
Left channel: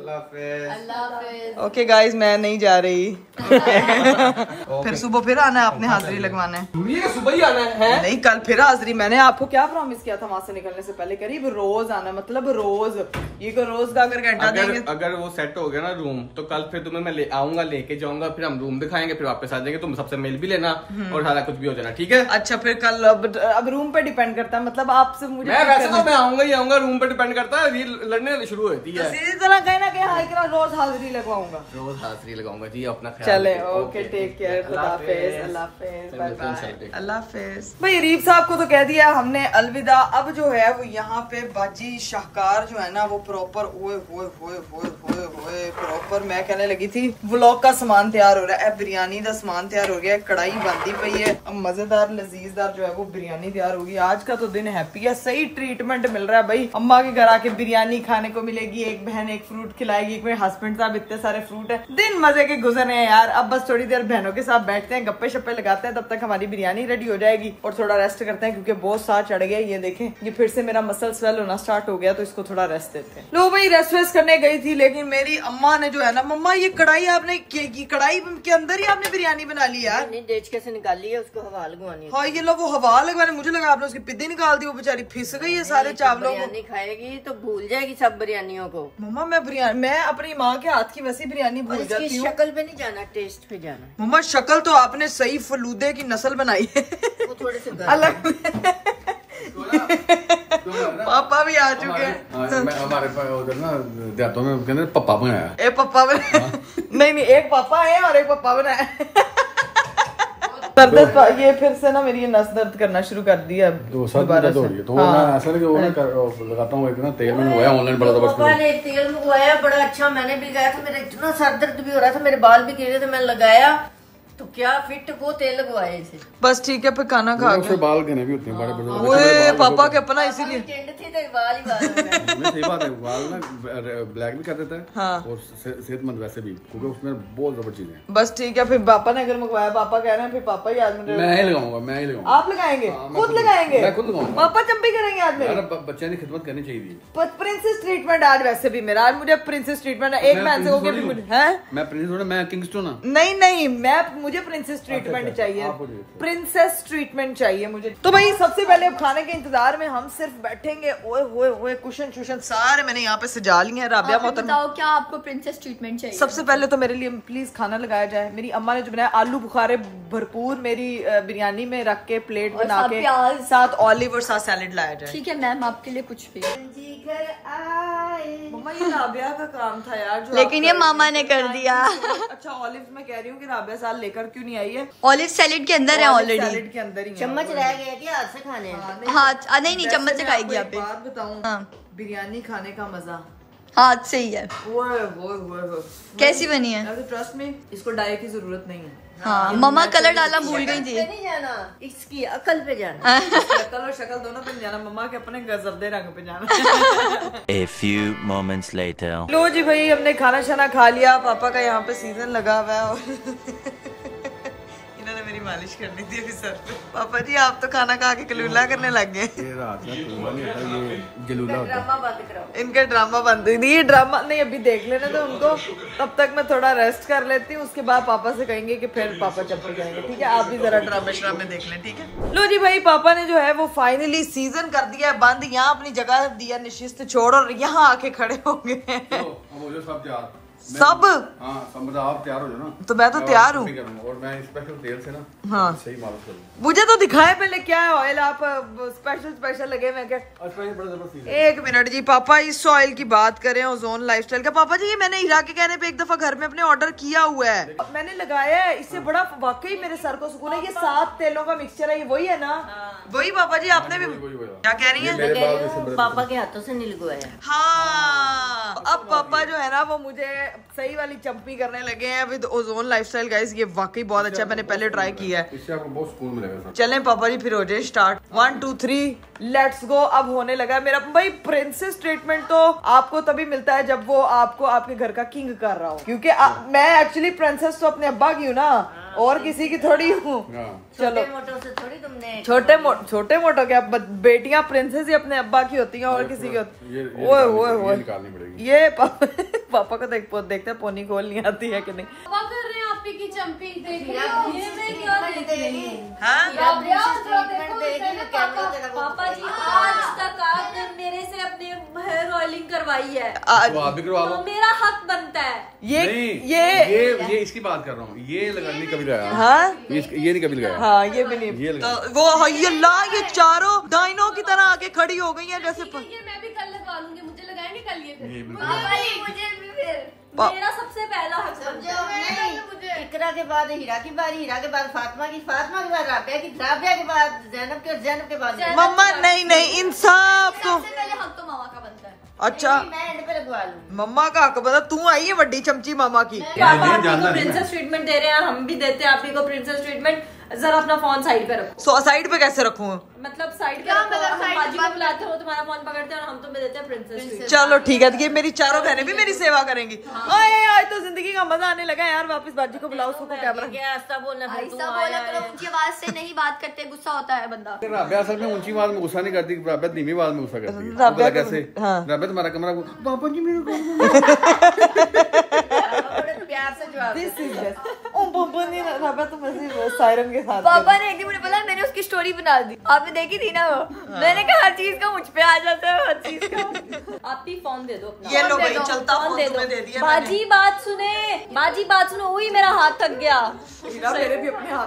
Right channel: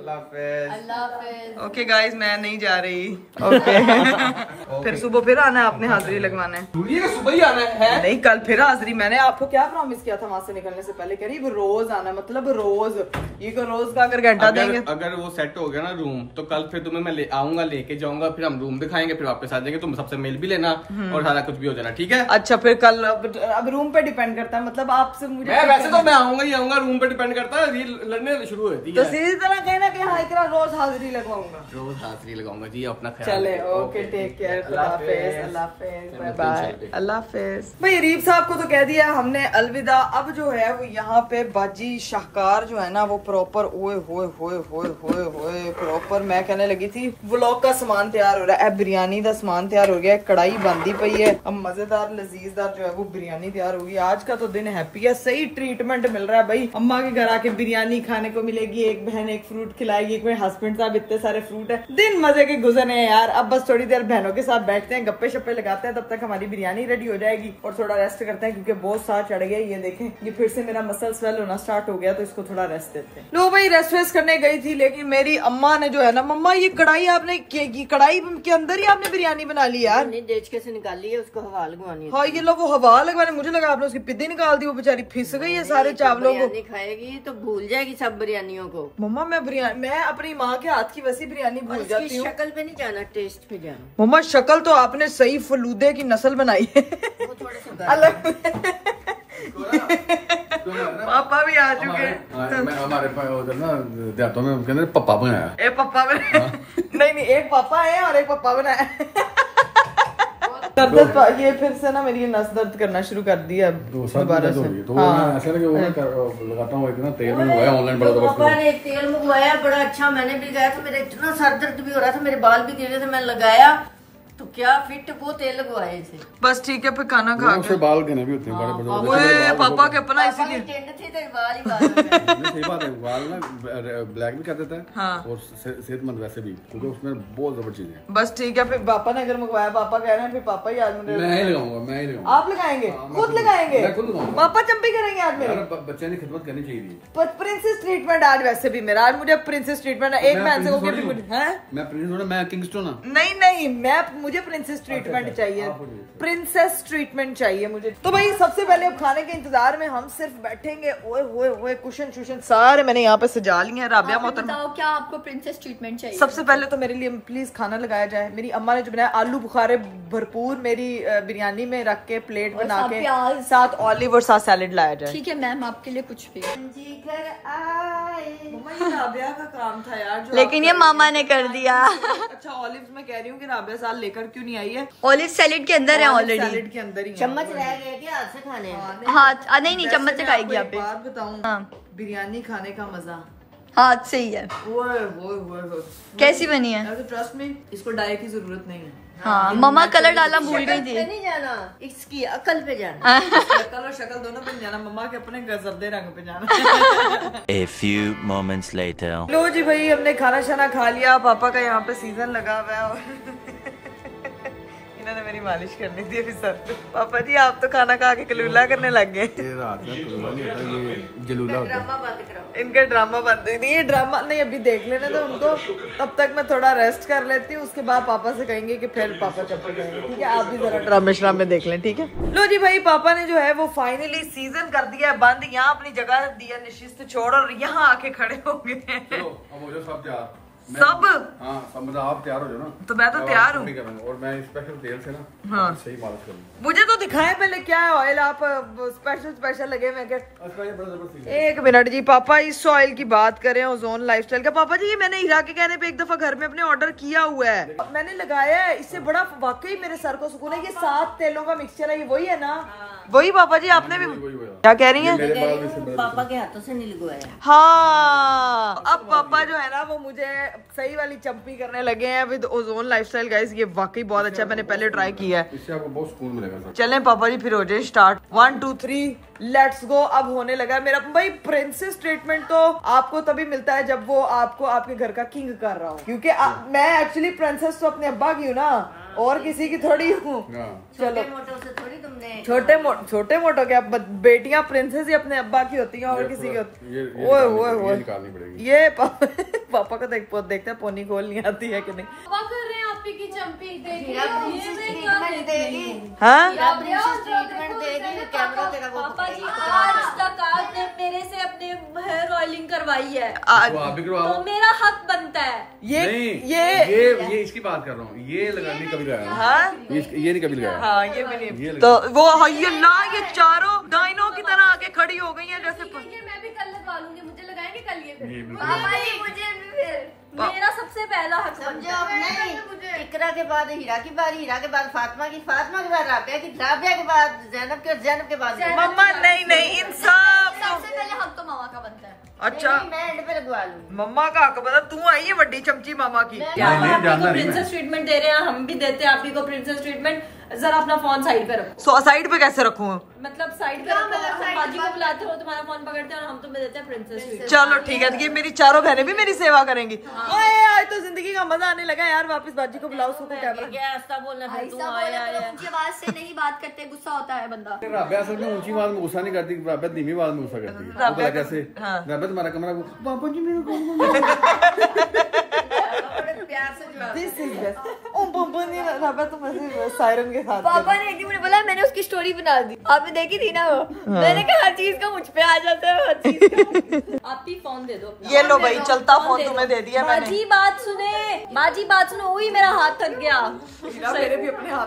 अल्लाह हाफिज। ओके गाइस, मैं नहीं जा रही। ओके फिर सुबह फिर आना है, आपने हाजिरी लगवाना है। ये सुबह ही आना है? नहीं कल फिर हाजिरी। मैंने आपको क्या प्रॉमिस किया था वहाँ से निकलने से पहले? करीब रोज आना, मतलब रोज। ये को रोज का अगर घंटा देंगे, अगर वो सेट हो गया ना रूम, तो कल फिर तुम्हें मैं ले आऊंगा, लेके जाऊंगा, फिर हम रूम दिखाएंगे, फिर वापस आ जाएंगे। तुम सबसे मिल भी लेना और सारा कुछ भी हो जाना। ठीक है? अच्छा फिर कल अब रूम पे डिपेंड करता है, मतलब आपसे मुझे वैसे तो मैं आऊंगा ही आऊंगा, रूम पे डिपेंड करता है। ये लड़ने शुरू होती तो है। सीधी तरह कहना कि हाँ इकरा रोज हाजिरी लगवाऊंगा। रोज हाजिरी लगाऊंगा जी, अपना ख्याल चले रखिए। ओके, टेक केयर, खुदा हाफिज, अल्लाह हाफिज, बाय मिलते हैं बाय, इंशाल्लाह। अल्लाह हाफिज। भाई रीफ साहब को तो कह दिया हमने अलविदा। अब जो है वो यहाँ पे बाजी शाहकार जो है ना वो प्रॉपर ओए होए होए होए होए होए प्रॉपर मैं कहने लगी थी व्लॉग का सामान तैयार हो रहा है। बिरयानी का सामान तैयार हो गया, कढ़ाई बंदी पई है। अब मजेदार लजीजदार जो है वो बिरयानी तैयार होगी। आज का तो दिन हैप्पी है, सही ट्रीटमेंट मिल रहा है भाई। अम्मा के घर आके बिरयानी खाने को मिलेगी, एक बहन एक फ्रूट खिलाएगी, एक मेरे हस्बैंड साहब इतने सारे फ्रूट है। दिन मजे के गुजरने हैं यार। अब बस थोड़ी देर बहनों के साथ बैठते हैं, गप्पे शप्पे लगाते हैं, तब तक हमारी बिरयानी रेडी हो जाएगी और थोड़ा रेस्ट करते हैं क्योंकि बहुत साथ चढ़ गया। ये देखें, ये फिर से मेरा मसल स्वेल होना स्टार्ट हो गया, तो इसको थोड़ा रेस्ट देते हैं। लो भाई रेस्ट वेस्ट करने गई थी, लेकिन मेरी अम्मा ने जो है ना, मम्मा ये कढ़ाई आपने कढ़ाई के अंदर ही आपने बिरयानी बना ली यार? नहीं, देचके से निकाली है, उसको हवा लगवानी है। हाँ ये लो वो हवा लगवाने, मुझे लगा आपने उसकी पिद्दी निकाल दी, वो बेचारी फिस गई है सारे चावलों को। बिरयानी खाएगी तो भूल जाएगी सब बिरयानियों को। मम्मा मैं अपनी माँ के हाथ की वैसी बिरयानी भूल जाती हूँ। शक्ल पे नहीं जाना, टेस्ट पे जाना। मम्मा शक्ल तो आपने सही फलूदे की नस्ल बनाई है। वो थोड़े से अलग पापा भी आ चुके हैं। हमारे उधर ना देहातों में कहते हैं पप्पा बनाया। एक पप्पा बनाया। नहीं एक पापा है और एक पप्पा बनाया। दर्द ये फिर से ना मेरी नस दर्द करना शुरू कर दिया दोबारा से। तो मैं ऐसा नहीं कि वो लगाता हूँ, एक ना तेल में मंगवाया ऑनलाइन बड़ा पापा ने एक तेल मंगवाया बड़ा अच्छा, मैंने भी लगाया था। मेरा इतना सर दर्द भी हो रहा था, मेरे बाल भी गिर रहे थे, मैंने लगाया तो क्या फिट वो तेल लगवाए थे। बस ठीक है, फिर खाना खा उससे बाल गने भी होते हैं बड़े बड़े। ओए पापा के अपना इसीलिए टेंड थी तो बाल ही बाल हो गए। सही बात है, बाल ना ब्लैक भी कर देता है। हाँ। और सेहतमंद वैसे भी, क्योंकि उसमें बहुत जबरदस्त चीजें हैं। बस ठीक है, फिर पापा ने अगर मंगवाया, पापा कह रहे हैं, फिर पापा ही आज मुझे मैं ही लगाऊंगा, मैं ही लगाऊंगा। आप लगाएंगे? खुद लगाएंगे? मैं खुद लगाऊंगा। पापा चंपी करेंगे आज मेरे? बच्चे ने खिदमत करनी चाहिए। प्रिंसेस ट्रीटमेंट आज वैसे भी मेरा, आज मुझे प्रिंसेस ट्रीटमेंट है। एक बहन से होके भी मुझे है। मैं प्रिंसेस हूं, मैं किंगस्टन हूं। नहीं मुझे प्रिंसेस ट्रीटमेंट चाहिए, प्रिंसेस ट्रीटमेंट चाहिए मुझे। तो भाई सबसे पहले अब खाने के इंतजार में हम सिर्फ बैठेंगे। ओए होए होए कुशन शुशन सारे मैंने यहाँ पे सजा लिए हैं। राबिया मोहतरमा, बताओ क्या आपको प्रिंसेस ट्रीटमेंट चाहिए? सबसे पहले तो मेरे लिए प्लीज खाना लगाया जाए। मेरी अम्मा ने जो बनाया आलू बुखारे भरपूर मेरी बिरयानी में रख के प्लेट बना के, साथ ऑलिव और साथ सैलेड लाया जाए। ठीक है मैम, आपके लिए कुछ भी। मम्मा ये राबिया का काम था यार, जो लेकिन ये मामा ने कर दिया। अच्छा ऑलिव मैं कह रही हूँ कि राबिया साल लेकर लेकर क्यों नहीं आई है। ऑलिव सैलेड के अंदर है ऑलरेडी, सैलेड के अंदर ही है। चम्मच रह गया क्या हाथ से खाने हैं? हाँ नहीं वैसे चम्मच से मैं खाएगी आपको आप एक बात बताऊं, हाँ बिरयानी खाने का मजा हाथ से ही है। वो कैसी बनी है? ट्रस्ट में इसको डाई की जरूरत नहीं है। हाँ मम्मा कलर डालना भूल गई थी। नहीं जाना, इसकी अकल पे जाना। शक्ल और शक्ल दोनों पे नहीं जाना, मम्मा के अपने गजबदे रंग पे जाना। A few moments later. लो जी भाई, हमने खाना शाना खा लिया। पापा का यहाँ पे सीजन लगा हुआ है और इन्होंने मेरी मालिश करनी थी अभी सर पे। पापा जी आप तो खाना खा के कलूला करने लग गए। ये रात का कलूला नहीं होता, ये जलूला होता है। इनका ड्रामा बंद हुई थी। ये ड्रामा नहीं, अभी देख लेने तो उनको, तब तक मैं थोड़ा रेस्ट कर लेती हूँ। उसके बाद पापा से कहेंगे कि फिर पापा चप्पल जाएंगे। ठीक है, आप भी जरा ड्रामे श्रामे देख लें। ठीक है, लो जी भाई, पापा ने जो है वो फाइनली सीजन कर दिया है बंद। यहाँ अपनी जगह दिया निशिस्त छोड़ और यहाँ आके खड़े हो गए हैं सब। हाँ सब, मतलब आप तैयार हो जाओ ना। तो मैं तो तैयार हूँ और मैं स्पेशल तेल से ना हाँ सही मालिश करूँगा। मुझे तो दिखाए पहले क्या है ऑयल, आप स्पेशल लगे। मैं क्या एक मिनट जी, पापा इस ऑयल की बात करें, ओजोन लाइफस्टाइल का। पापा जी ये मैंने हीरा के कहने पे एक दफा घर में अपने ऑर्डर किया हुआ है, मैंने लगाया है। इससे बड़ा वाकई मेरे सर को सुकून है। ये 7 तेलों का मिक्सचर है, ये वही है ना? वही पापा जी, आपने भी क्या कह रही हैं? पापा के हाथों से नहीं लगवाया। हाँ, अब पापा जो है ना वो मुझे सही वाली चंपी करने लगे हैं विद ओजोन लाइफस्टाइल। गाइस ये वाकई बहुत अच्छा है, मैंने पहले ट्राई किया है। इससे आपको बहुत सुकून मिलेगा। चलें पापा जी फिर हो जाए स्टार्ट। 1 2 3 let's go. अब होने लगा है मेरा भाई प्रिंसेस ट्रीटमेंट। तो आपको तभी मिलता है जब वो आपको आपके घर का किंग कर रहा हो, क्योंकि मैं एक्चुअली प्रिंसेस तो अपने अब्बा की हूँ ना, और किसी की थोड़ी हूँ। चलो छोटे मोटो क्या, बेटियां प्रिंसेस ही अपने अब्बा की होती हैं और किसी की होती है। ओए निकालनी पड़ेगी ये पापा को देखते हैं पोनी खोलनी आती है कि नहीं। कर रहे हैं आपकी की चंपी देखिए, ये मैं क्या देख रही हूँ। हाँ ट्रीटमेंट देगी पापा जी आज तक आपने मेरे से अपने हेयर ऑयलिंग करवाई है, आज तो आप भी करवाओ। तो मेरा हक बनता है। ये इसकी बात कर रहा हूँ। ये लगानी कभी लगाया? हाँ ये नहीं कभी लगाया। हाँ ये भी नहीं। तो वो ये चारों डाइनों की तरह आके खड़ी हो गई हैं जैसे। ये मैं भी कल लगवा लूंगी, मुझे लगाएंगे कल ये फिर। मुझे भी फिर मेरा सबसे पहला हक बनता है। इकरा के बाद हीरा की बारी, हीरा के बाद फातिमा की, फातिमा के बाद राबिया की, राबिया के बाद जैनब के, और जैनब के बाद मम्मा नहीं इंसाफ तो। सबसे पहले हक तो मामा का बनता है। अच्छा मैं एंड पे लगवा लूंगी। मम्मा का हक बता, तू आई है बड़ी चमची मामा की। आप को प्रिंसेस ट्रीटमेंट दे रहे हैं, हम भी देते हैं आप को प्रिंसेस ट्रीटमेंट। जरा अपना फोन साइड पे रखो। साइड पे कैसे रखूं? मतलब साइड पे रखो, हम बाजी को बुलाते हो तुम्हारा फोन पकड़ते हैं और हम तुम्हें देते हैं प्रिंसेस ट्रीटमेंट। चलो ठीक है, ये मेरी चारों बहनें भी मेरी सेवा करेंगी। ओए आज तो जिंदगी का मजा आने लगा यार। वापस बाजी को बुलाओ, उसको कैमरा। क्या ऐसा बोलना था तू ऐसा आया बोला तो ऊंची आवाज से नहीं बात करते, गुस्सा होता है बंदा। राबिया असल में ऊंची आवाज में गुस्सा नहीं करती, राबिया धीमी आवाज में गुस्सा करती है। बोला कैसे? राबिया तुम्हारा कमरा, पापा जी मेरे प्यार से जवाब। This is best. ओ पापा ने राबिया तुम ऐसे सायरन के साथ। पापा ने एक दिन मुझे बोला, मैंने उसकी स्टोरी बना दी, आपने देखी थी ना वो। मैंने कहा हर चीज का मुझ पे आ जाता है, हर चीज का। आप ही फोन दे दो अपना। ये लो भाई, चलता फोन फोन तुम्हें दे दिया मैंने। बाजी बात सुने, बाजी बात सुनो। वही मेरा हाथ थक गया। हीरा मेरे भी अपने हाथ।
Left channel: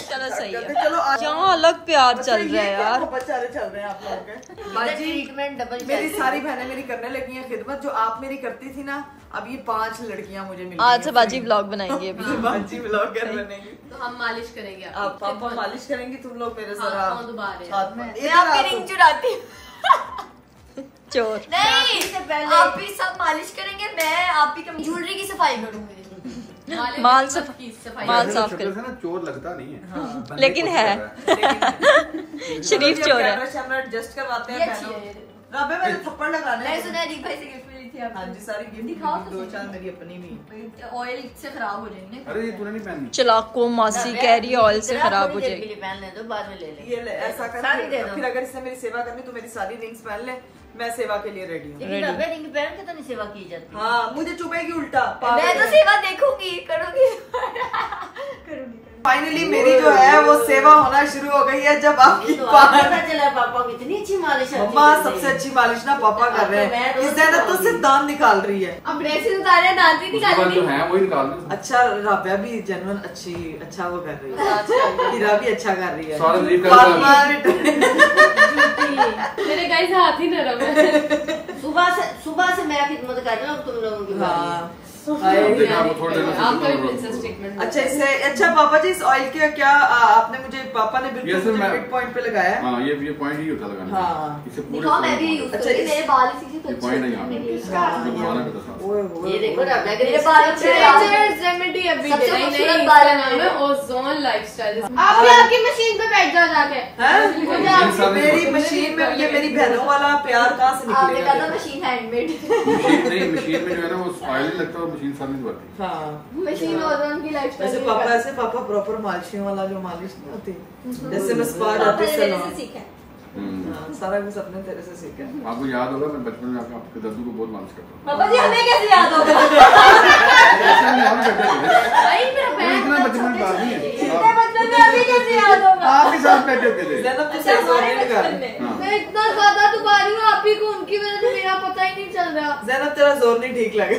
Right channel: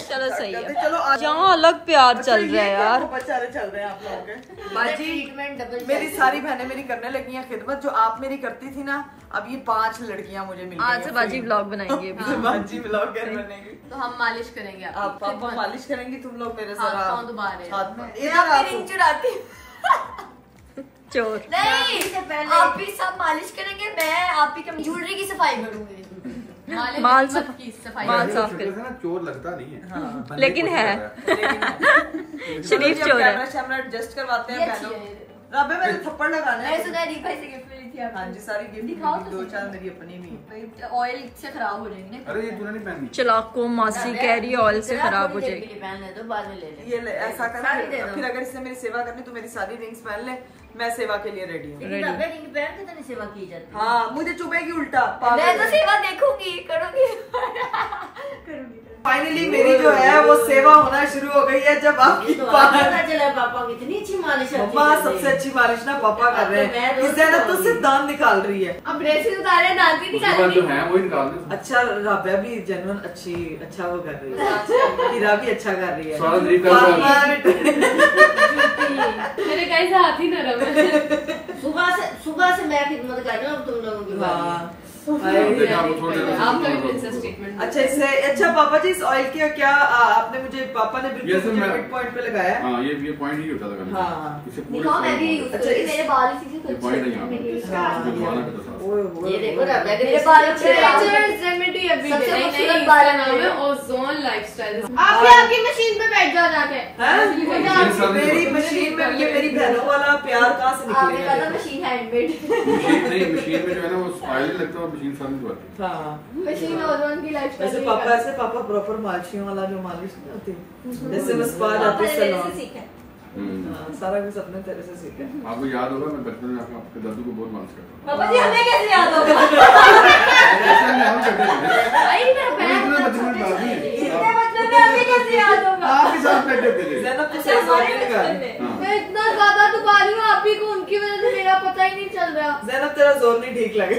चलो सही है, चलो यहाँ अलग प्यार चल रहा है यार। बेचारे चल रहे हैं आप लोग के। बाजी ट्रीटमेंट डबल मेरी सारी बहनें मेरी करने लगी हैं खिदमत, जो आप मेरी करती थी ना। अब ये 5 लड़कियां मुझे मिल गई आज से बाजी व्लॉग बनाएंगे अभी। बाजी ब्लॉगर बनेगी। तो हम मालिश करेंगे आप पापा मालिश करेंगी, तुम लोग मेरे सर पाँव दबा रहे हैं। हाथ में। मैं आपकी रिंग चुराती चोर नहीं, आप ही सब मालिश करेंगे, मैं आप ही की ज्वेलरी की सफाई करूंगी। माल साफ कर। चोर लगता नहीं है, लेकिन है शरीफ चोर है। कैमरा एडजस्ट करवाते हैं बहनों। राबे मेरे थप्पड़ लगाने मैं सुना री भाई से गिफ्ट मिली थी हाँ जी, सारी गिफ्ट दिखाओ तो 2-4 मेरी अपनी भी। ऑयल से खराब हो जाएंगे। अरे ये तूने नहीं पहनी। चलाको मासी कह रही है ऑयल से खराब हो जाएगी। पहन ले दो, बाद में ले ले। ये ऐसा कर, साड़ी दे दो। फिर अगर इसने मेरी सेवा करनी तो मेरी सारी रिंग्स पहन ले, मैं सेवा के लिए रेडी हूँ। लेकिन राबिया रिंग पहन के तो नहीं सेवा की जाती। हाँ मुझे चुभेगी उल्टा। मैं तो सेवा देखूंगी, करूंगी। फाइनली मेरी जो है वो सेवा होना शुरू हो गई है। जब आपकी तो पता चला पापा की इतनी अच्छी मालिश। मम्मा सबसे अच्छी मालिश ना पापा कर रहे हैं। इस दिन तो सिर्फ दांत निकाल रही है। अब ब्रेसेस उतारे, दांत भी जो है वही निकाल दो। अच्छा राबिया भी जेन्युइन अच्छा वो कर रही है। हीरा भी अच्छा कर रही है। सॉरी कर मेरे गाइस हाथ ही नरम है। सुबह से मैं खिदमत कर रही हूँ तुम लोगों की। हाँ अच्छा इससे अच्छा पापा जी इस ऑयल के क्या आपने मुझे पापा ने बिल्कुल मिड पॉइंट पे लगाया। हाँ ये पॉइंट ही होता लगाने। हाँ इसे मैं भी यूज करती हूं, मेरे बाल इसी से पॉइंट है यहाँ। ये देखो ना मेरे बाल अच्छे रेमेडी अभी सबसे नहीं खूबसूरत नहीं बाल नाम है ओजोन लाइफस्टाइल। आप भी आपकी मशीन पे बैठ जाओ जाके। मेरी मशीन में ये मेरी बहनों वाला प्यार कहाँ से आपने निकलेगा? कहा था मशीन हैंडमेड। मशीन में जो है ना वो ऑयल लगता है, मशीन साथ नहीं धोती। हाँ मशीन ओजोन की लाइफस्टाइल। ऐसे पापा प्रॉपर मालिशियों वाला जो मालिश नहीं होती जैसे मैं स्पा जाती सैलून। हाँ, सारा कुछ अपने तेरे से सीखा। आपको याद होगा मैं बचपन में आपके दादू को बहुत मालिश करता हूँ। पापा जी हमें कैसे याद होगा? इतना बचपन में दादी इतने बचपन में हमें कैसे याद होगा? आपके साथ बैठे होते थे। ज़ैनब तो सही जोर नहीं लगा रही। मैं इतना ज्यादा दुबारी हूँ आप ही को, उनकी वजह से मेरा पता ही नहीं चल रहा। ज़ैनब तेरा जोर नहीं ठीक लगे।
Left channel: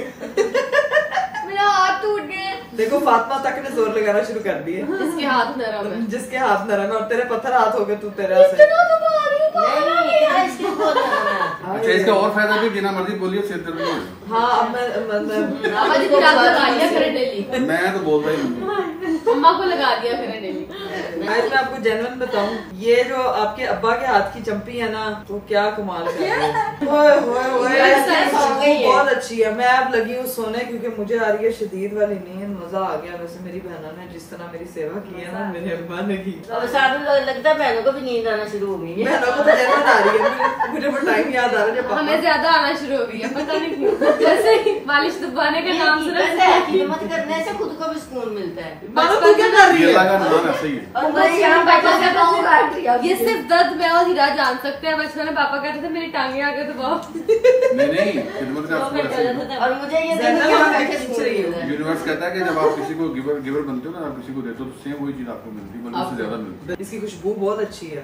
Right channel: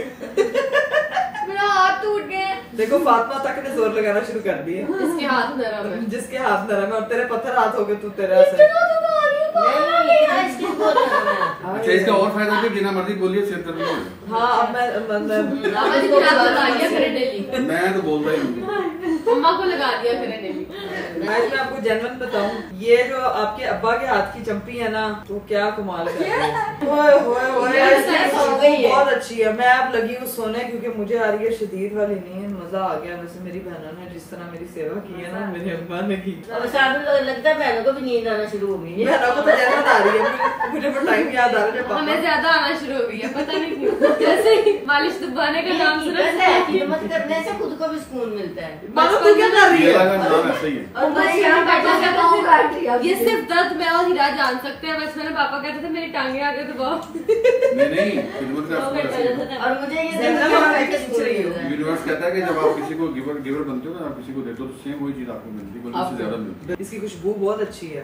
मेरा हाथ टूट गया। देखो फातिमा तक ने जोर लगाना शुरू कर दिया। जिसके हाथ नरम है। जिसके हाथ नरम है और तेरे पत्थर हाथ हो गए तू तेरा से। अच्छा इसका और फायदा भी बिना मर्जी बोलिए सिर दर्द नहीं होगा। हाँ अब मैं पापा जी को लगा दिया करें डेली। मैं तो बोलता ही नहीं। मम्मा को लगा दिया करें डेली। मैं आपको जेन्युइन बताऊं, ये जो आपके अब्बा के हाथ की चंपी है ना तो क्या कमाल कर रही है। ओए होए होए बहुत अच्छी है। मैं अब लगी हूँ सोने क्योंकि मुझे आ रही है शदीद वाली नींद। मजा आ गया। वैसे मेरी बहनों ने जिस तरह मेरी सेवा की है ना मेरे अब्बा ने की। लगता है बहनों को भी नींद आना शुरू हो गई है। बहनों को तो जेन्युइन आ रही है। मुझे वो टाइम याद आ रहा है जब हमें पापा ज्यादा आना शुरू हो गई है, पता नहीं क्यों। जैसे ही मालिश दुबाने का नाम सुना हिम्मत करने से खुद को भी सुकून मिलता है। मानो तू क्या कर रही ये है? लगा नाम ऐसा ही है। और मैं यहाँ पापा से पाँव काट दिया। ये सिर्फ दर्द मैं और हीरा जान सकते हैं। बचपन में पापा कहते थे मेरी टांगे आ गए तो बहुत। नहीं खिदमत का असर ऐसा ही है। और मुझे ये ज़ैनब आप कैसे पूछ रही हो? यूनिवर्स कहता है कि जब आप किसी को गिवर बनते हो ना, आप किसी को देते हो तो सेम वही चीज आपको मिलती है, बल्कि उससे ज्यादा मिलती है। इसकी खुशबू बहुत अच्छी है।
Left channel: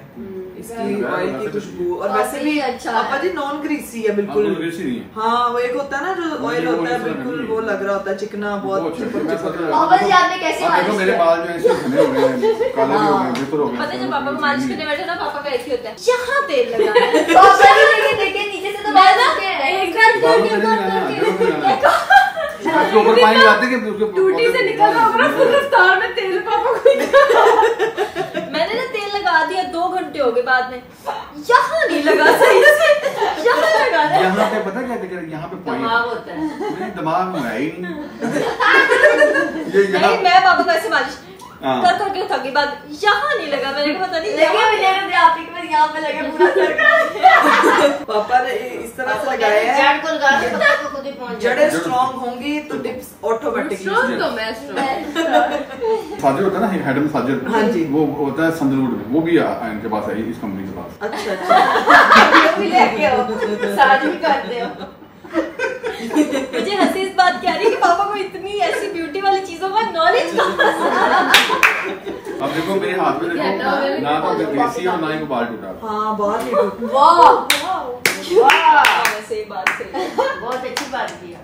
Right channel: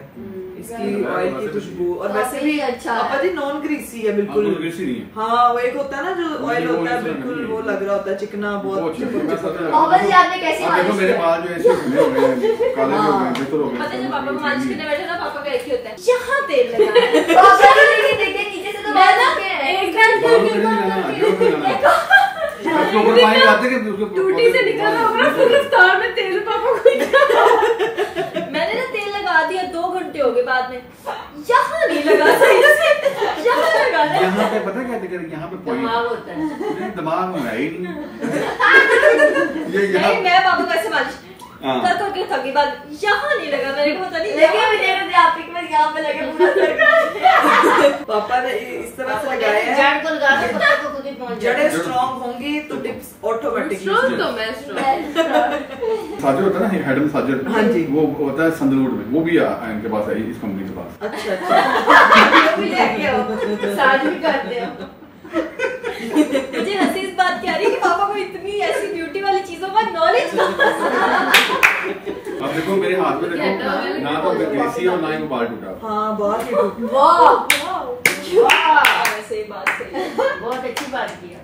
इसकी ऑयल की खुशबू और वैसे भी अच्छा पापा जी नॉन ग्रीसी है बिल्कुल। बिल्कुल ग्रीसी नहीं है। हाँ वो एक होता है ना जो ऑयल होता है बिल्कुल वो लग रहा होता है चिकना बहुत। पापा जी आपने कैसे देखो मालिश मेरे किया? बाल जो ऐसे घने हो गए हैं, काले भी हो गए हैं, बेहतर हो गए पता है जब पापा को मालिश करने बैठे ना पापा का ऐसे होता है यहाँ तेल लगाना है। पापा जी देखिए नीचे से तो बाल रखे हैं। बालों से नहीं जाना, जरूर नहीं जाना। उसके ऊपर पानी लाते कि उसके टूटी से निकल रहा होगा फुल रफ्तार में तेल पापा को। मैंने ना तेल लगा दिया 2 घंटे हो गए बाद में। यहाँ नहीं लगा सही से। यहाँ लगा ना। यहाँ पे पता क्या दिक्कत है, यहाँ पे पॉइंट होता है। दिमाग में है ही नहीं। ये नहीं यहाँ मैं पापा को ऐसे मालिश हाँ। कर करके थकी बाद यहाँ नहीं लगा। मैंने कहा पता नहीं लेकिन मुझे आप ही को यहाँ पे लगे पूरा सर का। पापा ने इस तरह से लगाया है। जड़ को लगा के पत्ते को खुद ही पहुंच जाए। जड़ें स्ट्रॉन्ग होंगी तो टिप्स ऑटोमेटिकली। स्ट्रॉन्ग तो मैं स्ट्रॉन्ग। साजिद होता है ना, हेड में साजिद। हाँ जी। वो होता है संदलूर में, वो भी इनके पास है, इस कंपनी के पास। अच्छा साथ भी करते हो। मुझे हंसी इस बात की आ रही है कि पापा को इतनी ऐसी ब्यूटी वाली चीजों का नॉलेज। अब देखो मेरे हाथ में देखो, ना तो ग्रीसी और ना ही वो बाल टूटा। हाँ बहुत ही सही बात सही। बहुत अच्छी बात की है।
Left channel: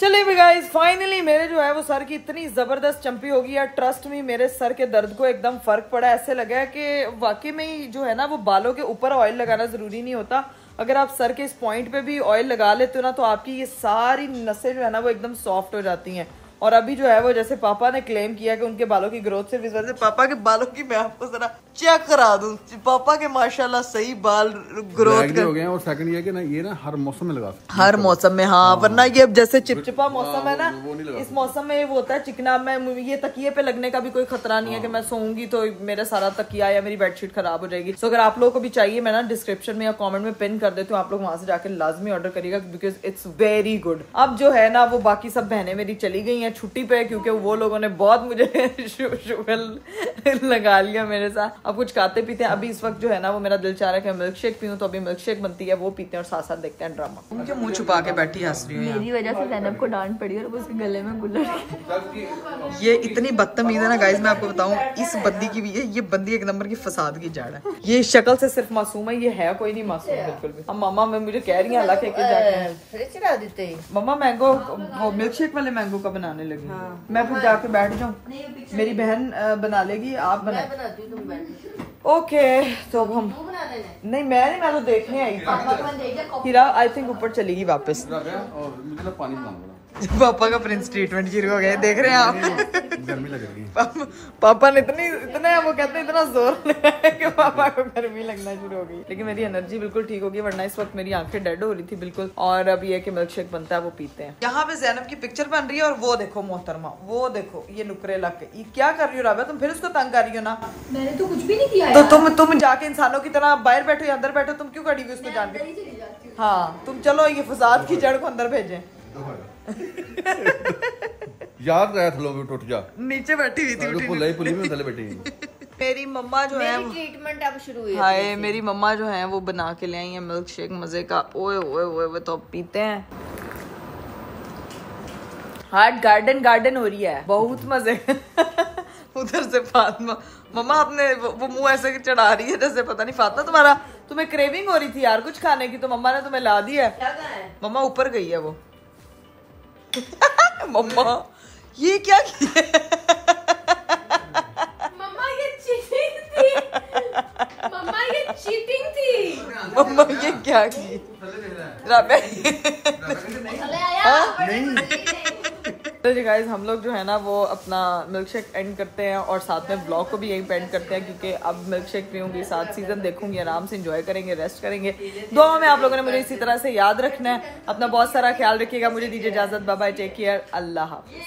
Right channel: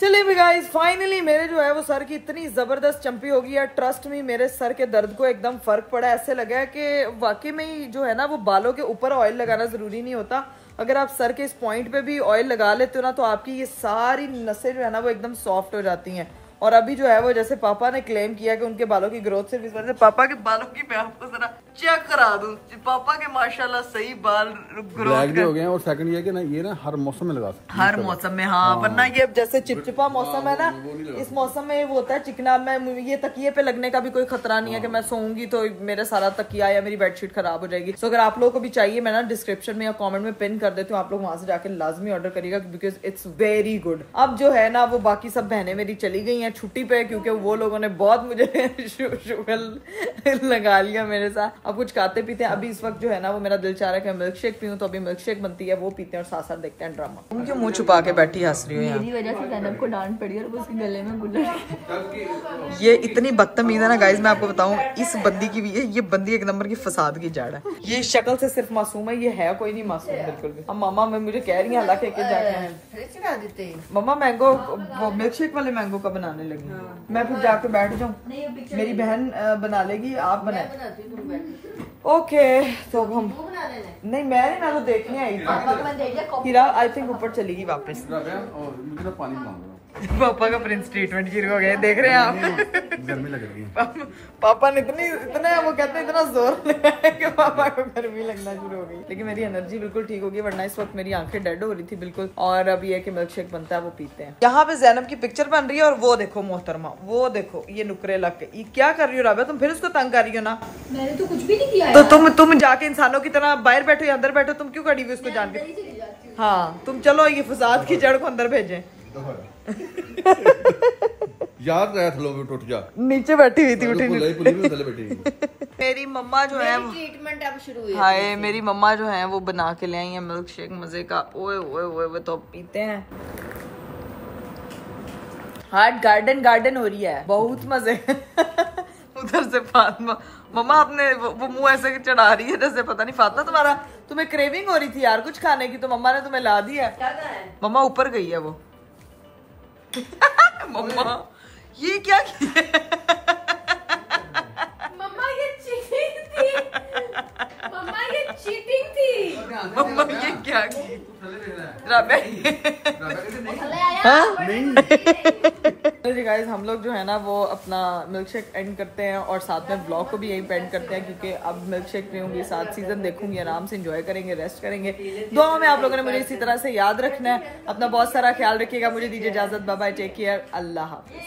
चलिए भी गाइस फाइनली मेरे जो है वो सर की इतनी जबरदस्त चंपी होगी यार। ट्रस्ट मी मेरे सर के दर्द को एकदम फर्क पड़ा। ऐसे लगा है कि वाकई में ही जो है ना वो बालों के ऊपर ऑयल लगाना जरूरी नहीं होता। अगर आप सर के इस पॉइंट पे भी ऑयल लगा लेते हो ना तो आपकी ये सारी नसें जो है ना वो एकदम सॉफ्ट हो जाती हैं। और अभी जो है वो जैसे पापा ने क्लेम किया कि उनके बालों की ग्रोथ सिर्फ इस वजह से। पापा के बालों की मैं आपको जरा चेक करा दूं। पापा के माशाल्लाह सही बाल ग्रोथ हो गए हैं। और सेकंड ये कि ना ये ना हर मौसम में लगा सकते हैं। हर मौसम में हाँ, वरना ये जैसे चिपचिपा मौसम है ना इस मौसम में वो होता है चिकना। मैं ये तकिए पे लगने का भी कोई खतरा नहीं है कि मैं सोऊंगी तो मेरा सारा तकिया या मेरी बेडशीट खराब हो जाएगी। तो अगर आप लोगों को भी चाहिए मैं ना डिस्क्रिप्शन में या कमेंट में पिन कर देती हूँ, आप लोग वहां से जाके लाजमी ऑर्डर करिएगा बिकॉज इट्स वेरी गुड। अब जो है ना वो बाकी सब बहनें मेरी चली गई हैं छुट्टी पे क्योंकि वो लोगों ने बहुत मुझे शुगर लगा लिया मेरे साथ। अब कुछ खाते पीते हैं। अभी इस वक्त जो है ना वो मेरा दिल चाह रहा है कि मिल्क शेक पीऊं तो अभी मिल्क शेक बनती है वो पीते हैं और साथ साथ देखते हैं ड्रामा। तुम क्यों मुंह छुपा के बैठी हंस रही हो? मेरी वजह से ज़ैनब को डांट पड़ी और उसके गले में गुल्लड़। ये इतनी बदतमीज है ना गाइज, मैं आपको बताऊं इस बंदी की भी ये बंदी एक नंबर की फसाद की जड़ है। ये शक्ल से सिर्फ मासूम है, ये है कोई नहीं मासूम बिल्कुल भी। अब मामा मैं मुझे कह रही है हालांकि चढ़ा देते हैं। मम्मा मैंगो वो मिल्क शेक वाले मैंगो का बनाने लगी। मैं फिर जाके बैठ जाऊं, मेरी बहन बना लेगी आप बनाए। ओके तो अब हम नहीं मैं तो देखने आई थी। हीरा आई थिंक ऊपर चलेगी वापस। और मुझे ना पानी मांगना। पापा का प्रिंस ट्रीटमेंट शुरू हो गया, देख रहे हैं आप। गर्मी लग रही है। पापा ने इतना वो कहते हैं इतना जोर लगाया कि पापा को गर्मी लगना शुरू हो गई। लेकिन मेरी एनर्जी बिल्कुल ठीक होगी, वरना इस वक्त मेरी आंखें डेड हो रही थी बिल्कुल। और अब ये कि मिल्क शेक बनता है वो पीते हैं। यहाँ पे ज़ैनब की पिक्चर बन रही है और वो देखो मोहतरमा, वो देखो ये नुकरे लग के ये क्या कर रही हो राबिया, तुम फिर उसको तंग कर रही हो ना। मैंने तो कुछ भी नहीं किया। तो तुम जाके इंसानों की तरह बाहर बैठो या अंदर बैठो, तुम क्यों खड़ी हुई उसको जान के। हाँ तुम चलो ये फसाद की जड़ को अंदर भेजें। याद रहा थलो भी टूट जा, नीचे बैठी हुई थी पुली में थले बैठी। मेरी मम्मा जो है ट्रीटमेंट अब शुरू हुई। हाय मेरी मम्मा जो है वो बना के ले आई है मिल्क शेक मजे का। ओए ओए ओए तो पीते हैं। हार्ट गार्डन हो रही है, बहुत मजे। उधर से फातिमा मम्मा अपने वो मुंह ऐसे चढ़ा रही है जैसे पता नहीं फातिमा तुम्हें क्रेविंग हो रही थी यार कुछ खाने की, तो मम्मा ने तुम्हें ला दिया। मम्मा ऊपर गई है वो। मम्मा ये क्या किया? मम्मा ये चीटिंग थी। मम्मा ये चीटिंग थी। मम्मा ये क्या की? तो जी गाइस हम लोग जो है ना वो अपना मिल्क शेक एंड करते हैं और साथ में ब्लॉग को भी यही एंड करते हैं, क्योंकि अब मिल्क शेक पीऊंगी, 7 सीजन देखूंगी, आराम से एंजॉय करेंगे, रेस्ट करेंगे। दुआ में आप लोगों ने मुझे इसी तरह से याद रखना है। अपना बहुत सारा ख्याल रखिएगा। मुझे दीजिए इजाजत, बाय बाय, टेक केयर, अल्लाह हाफिज।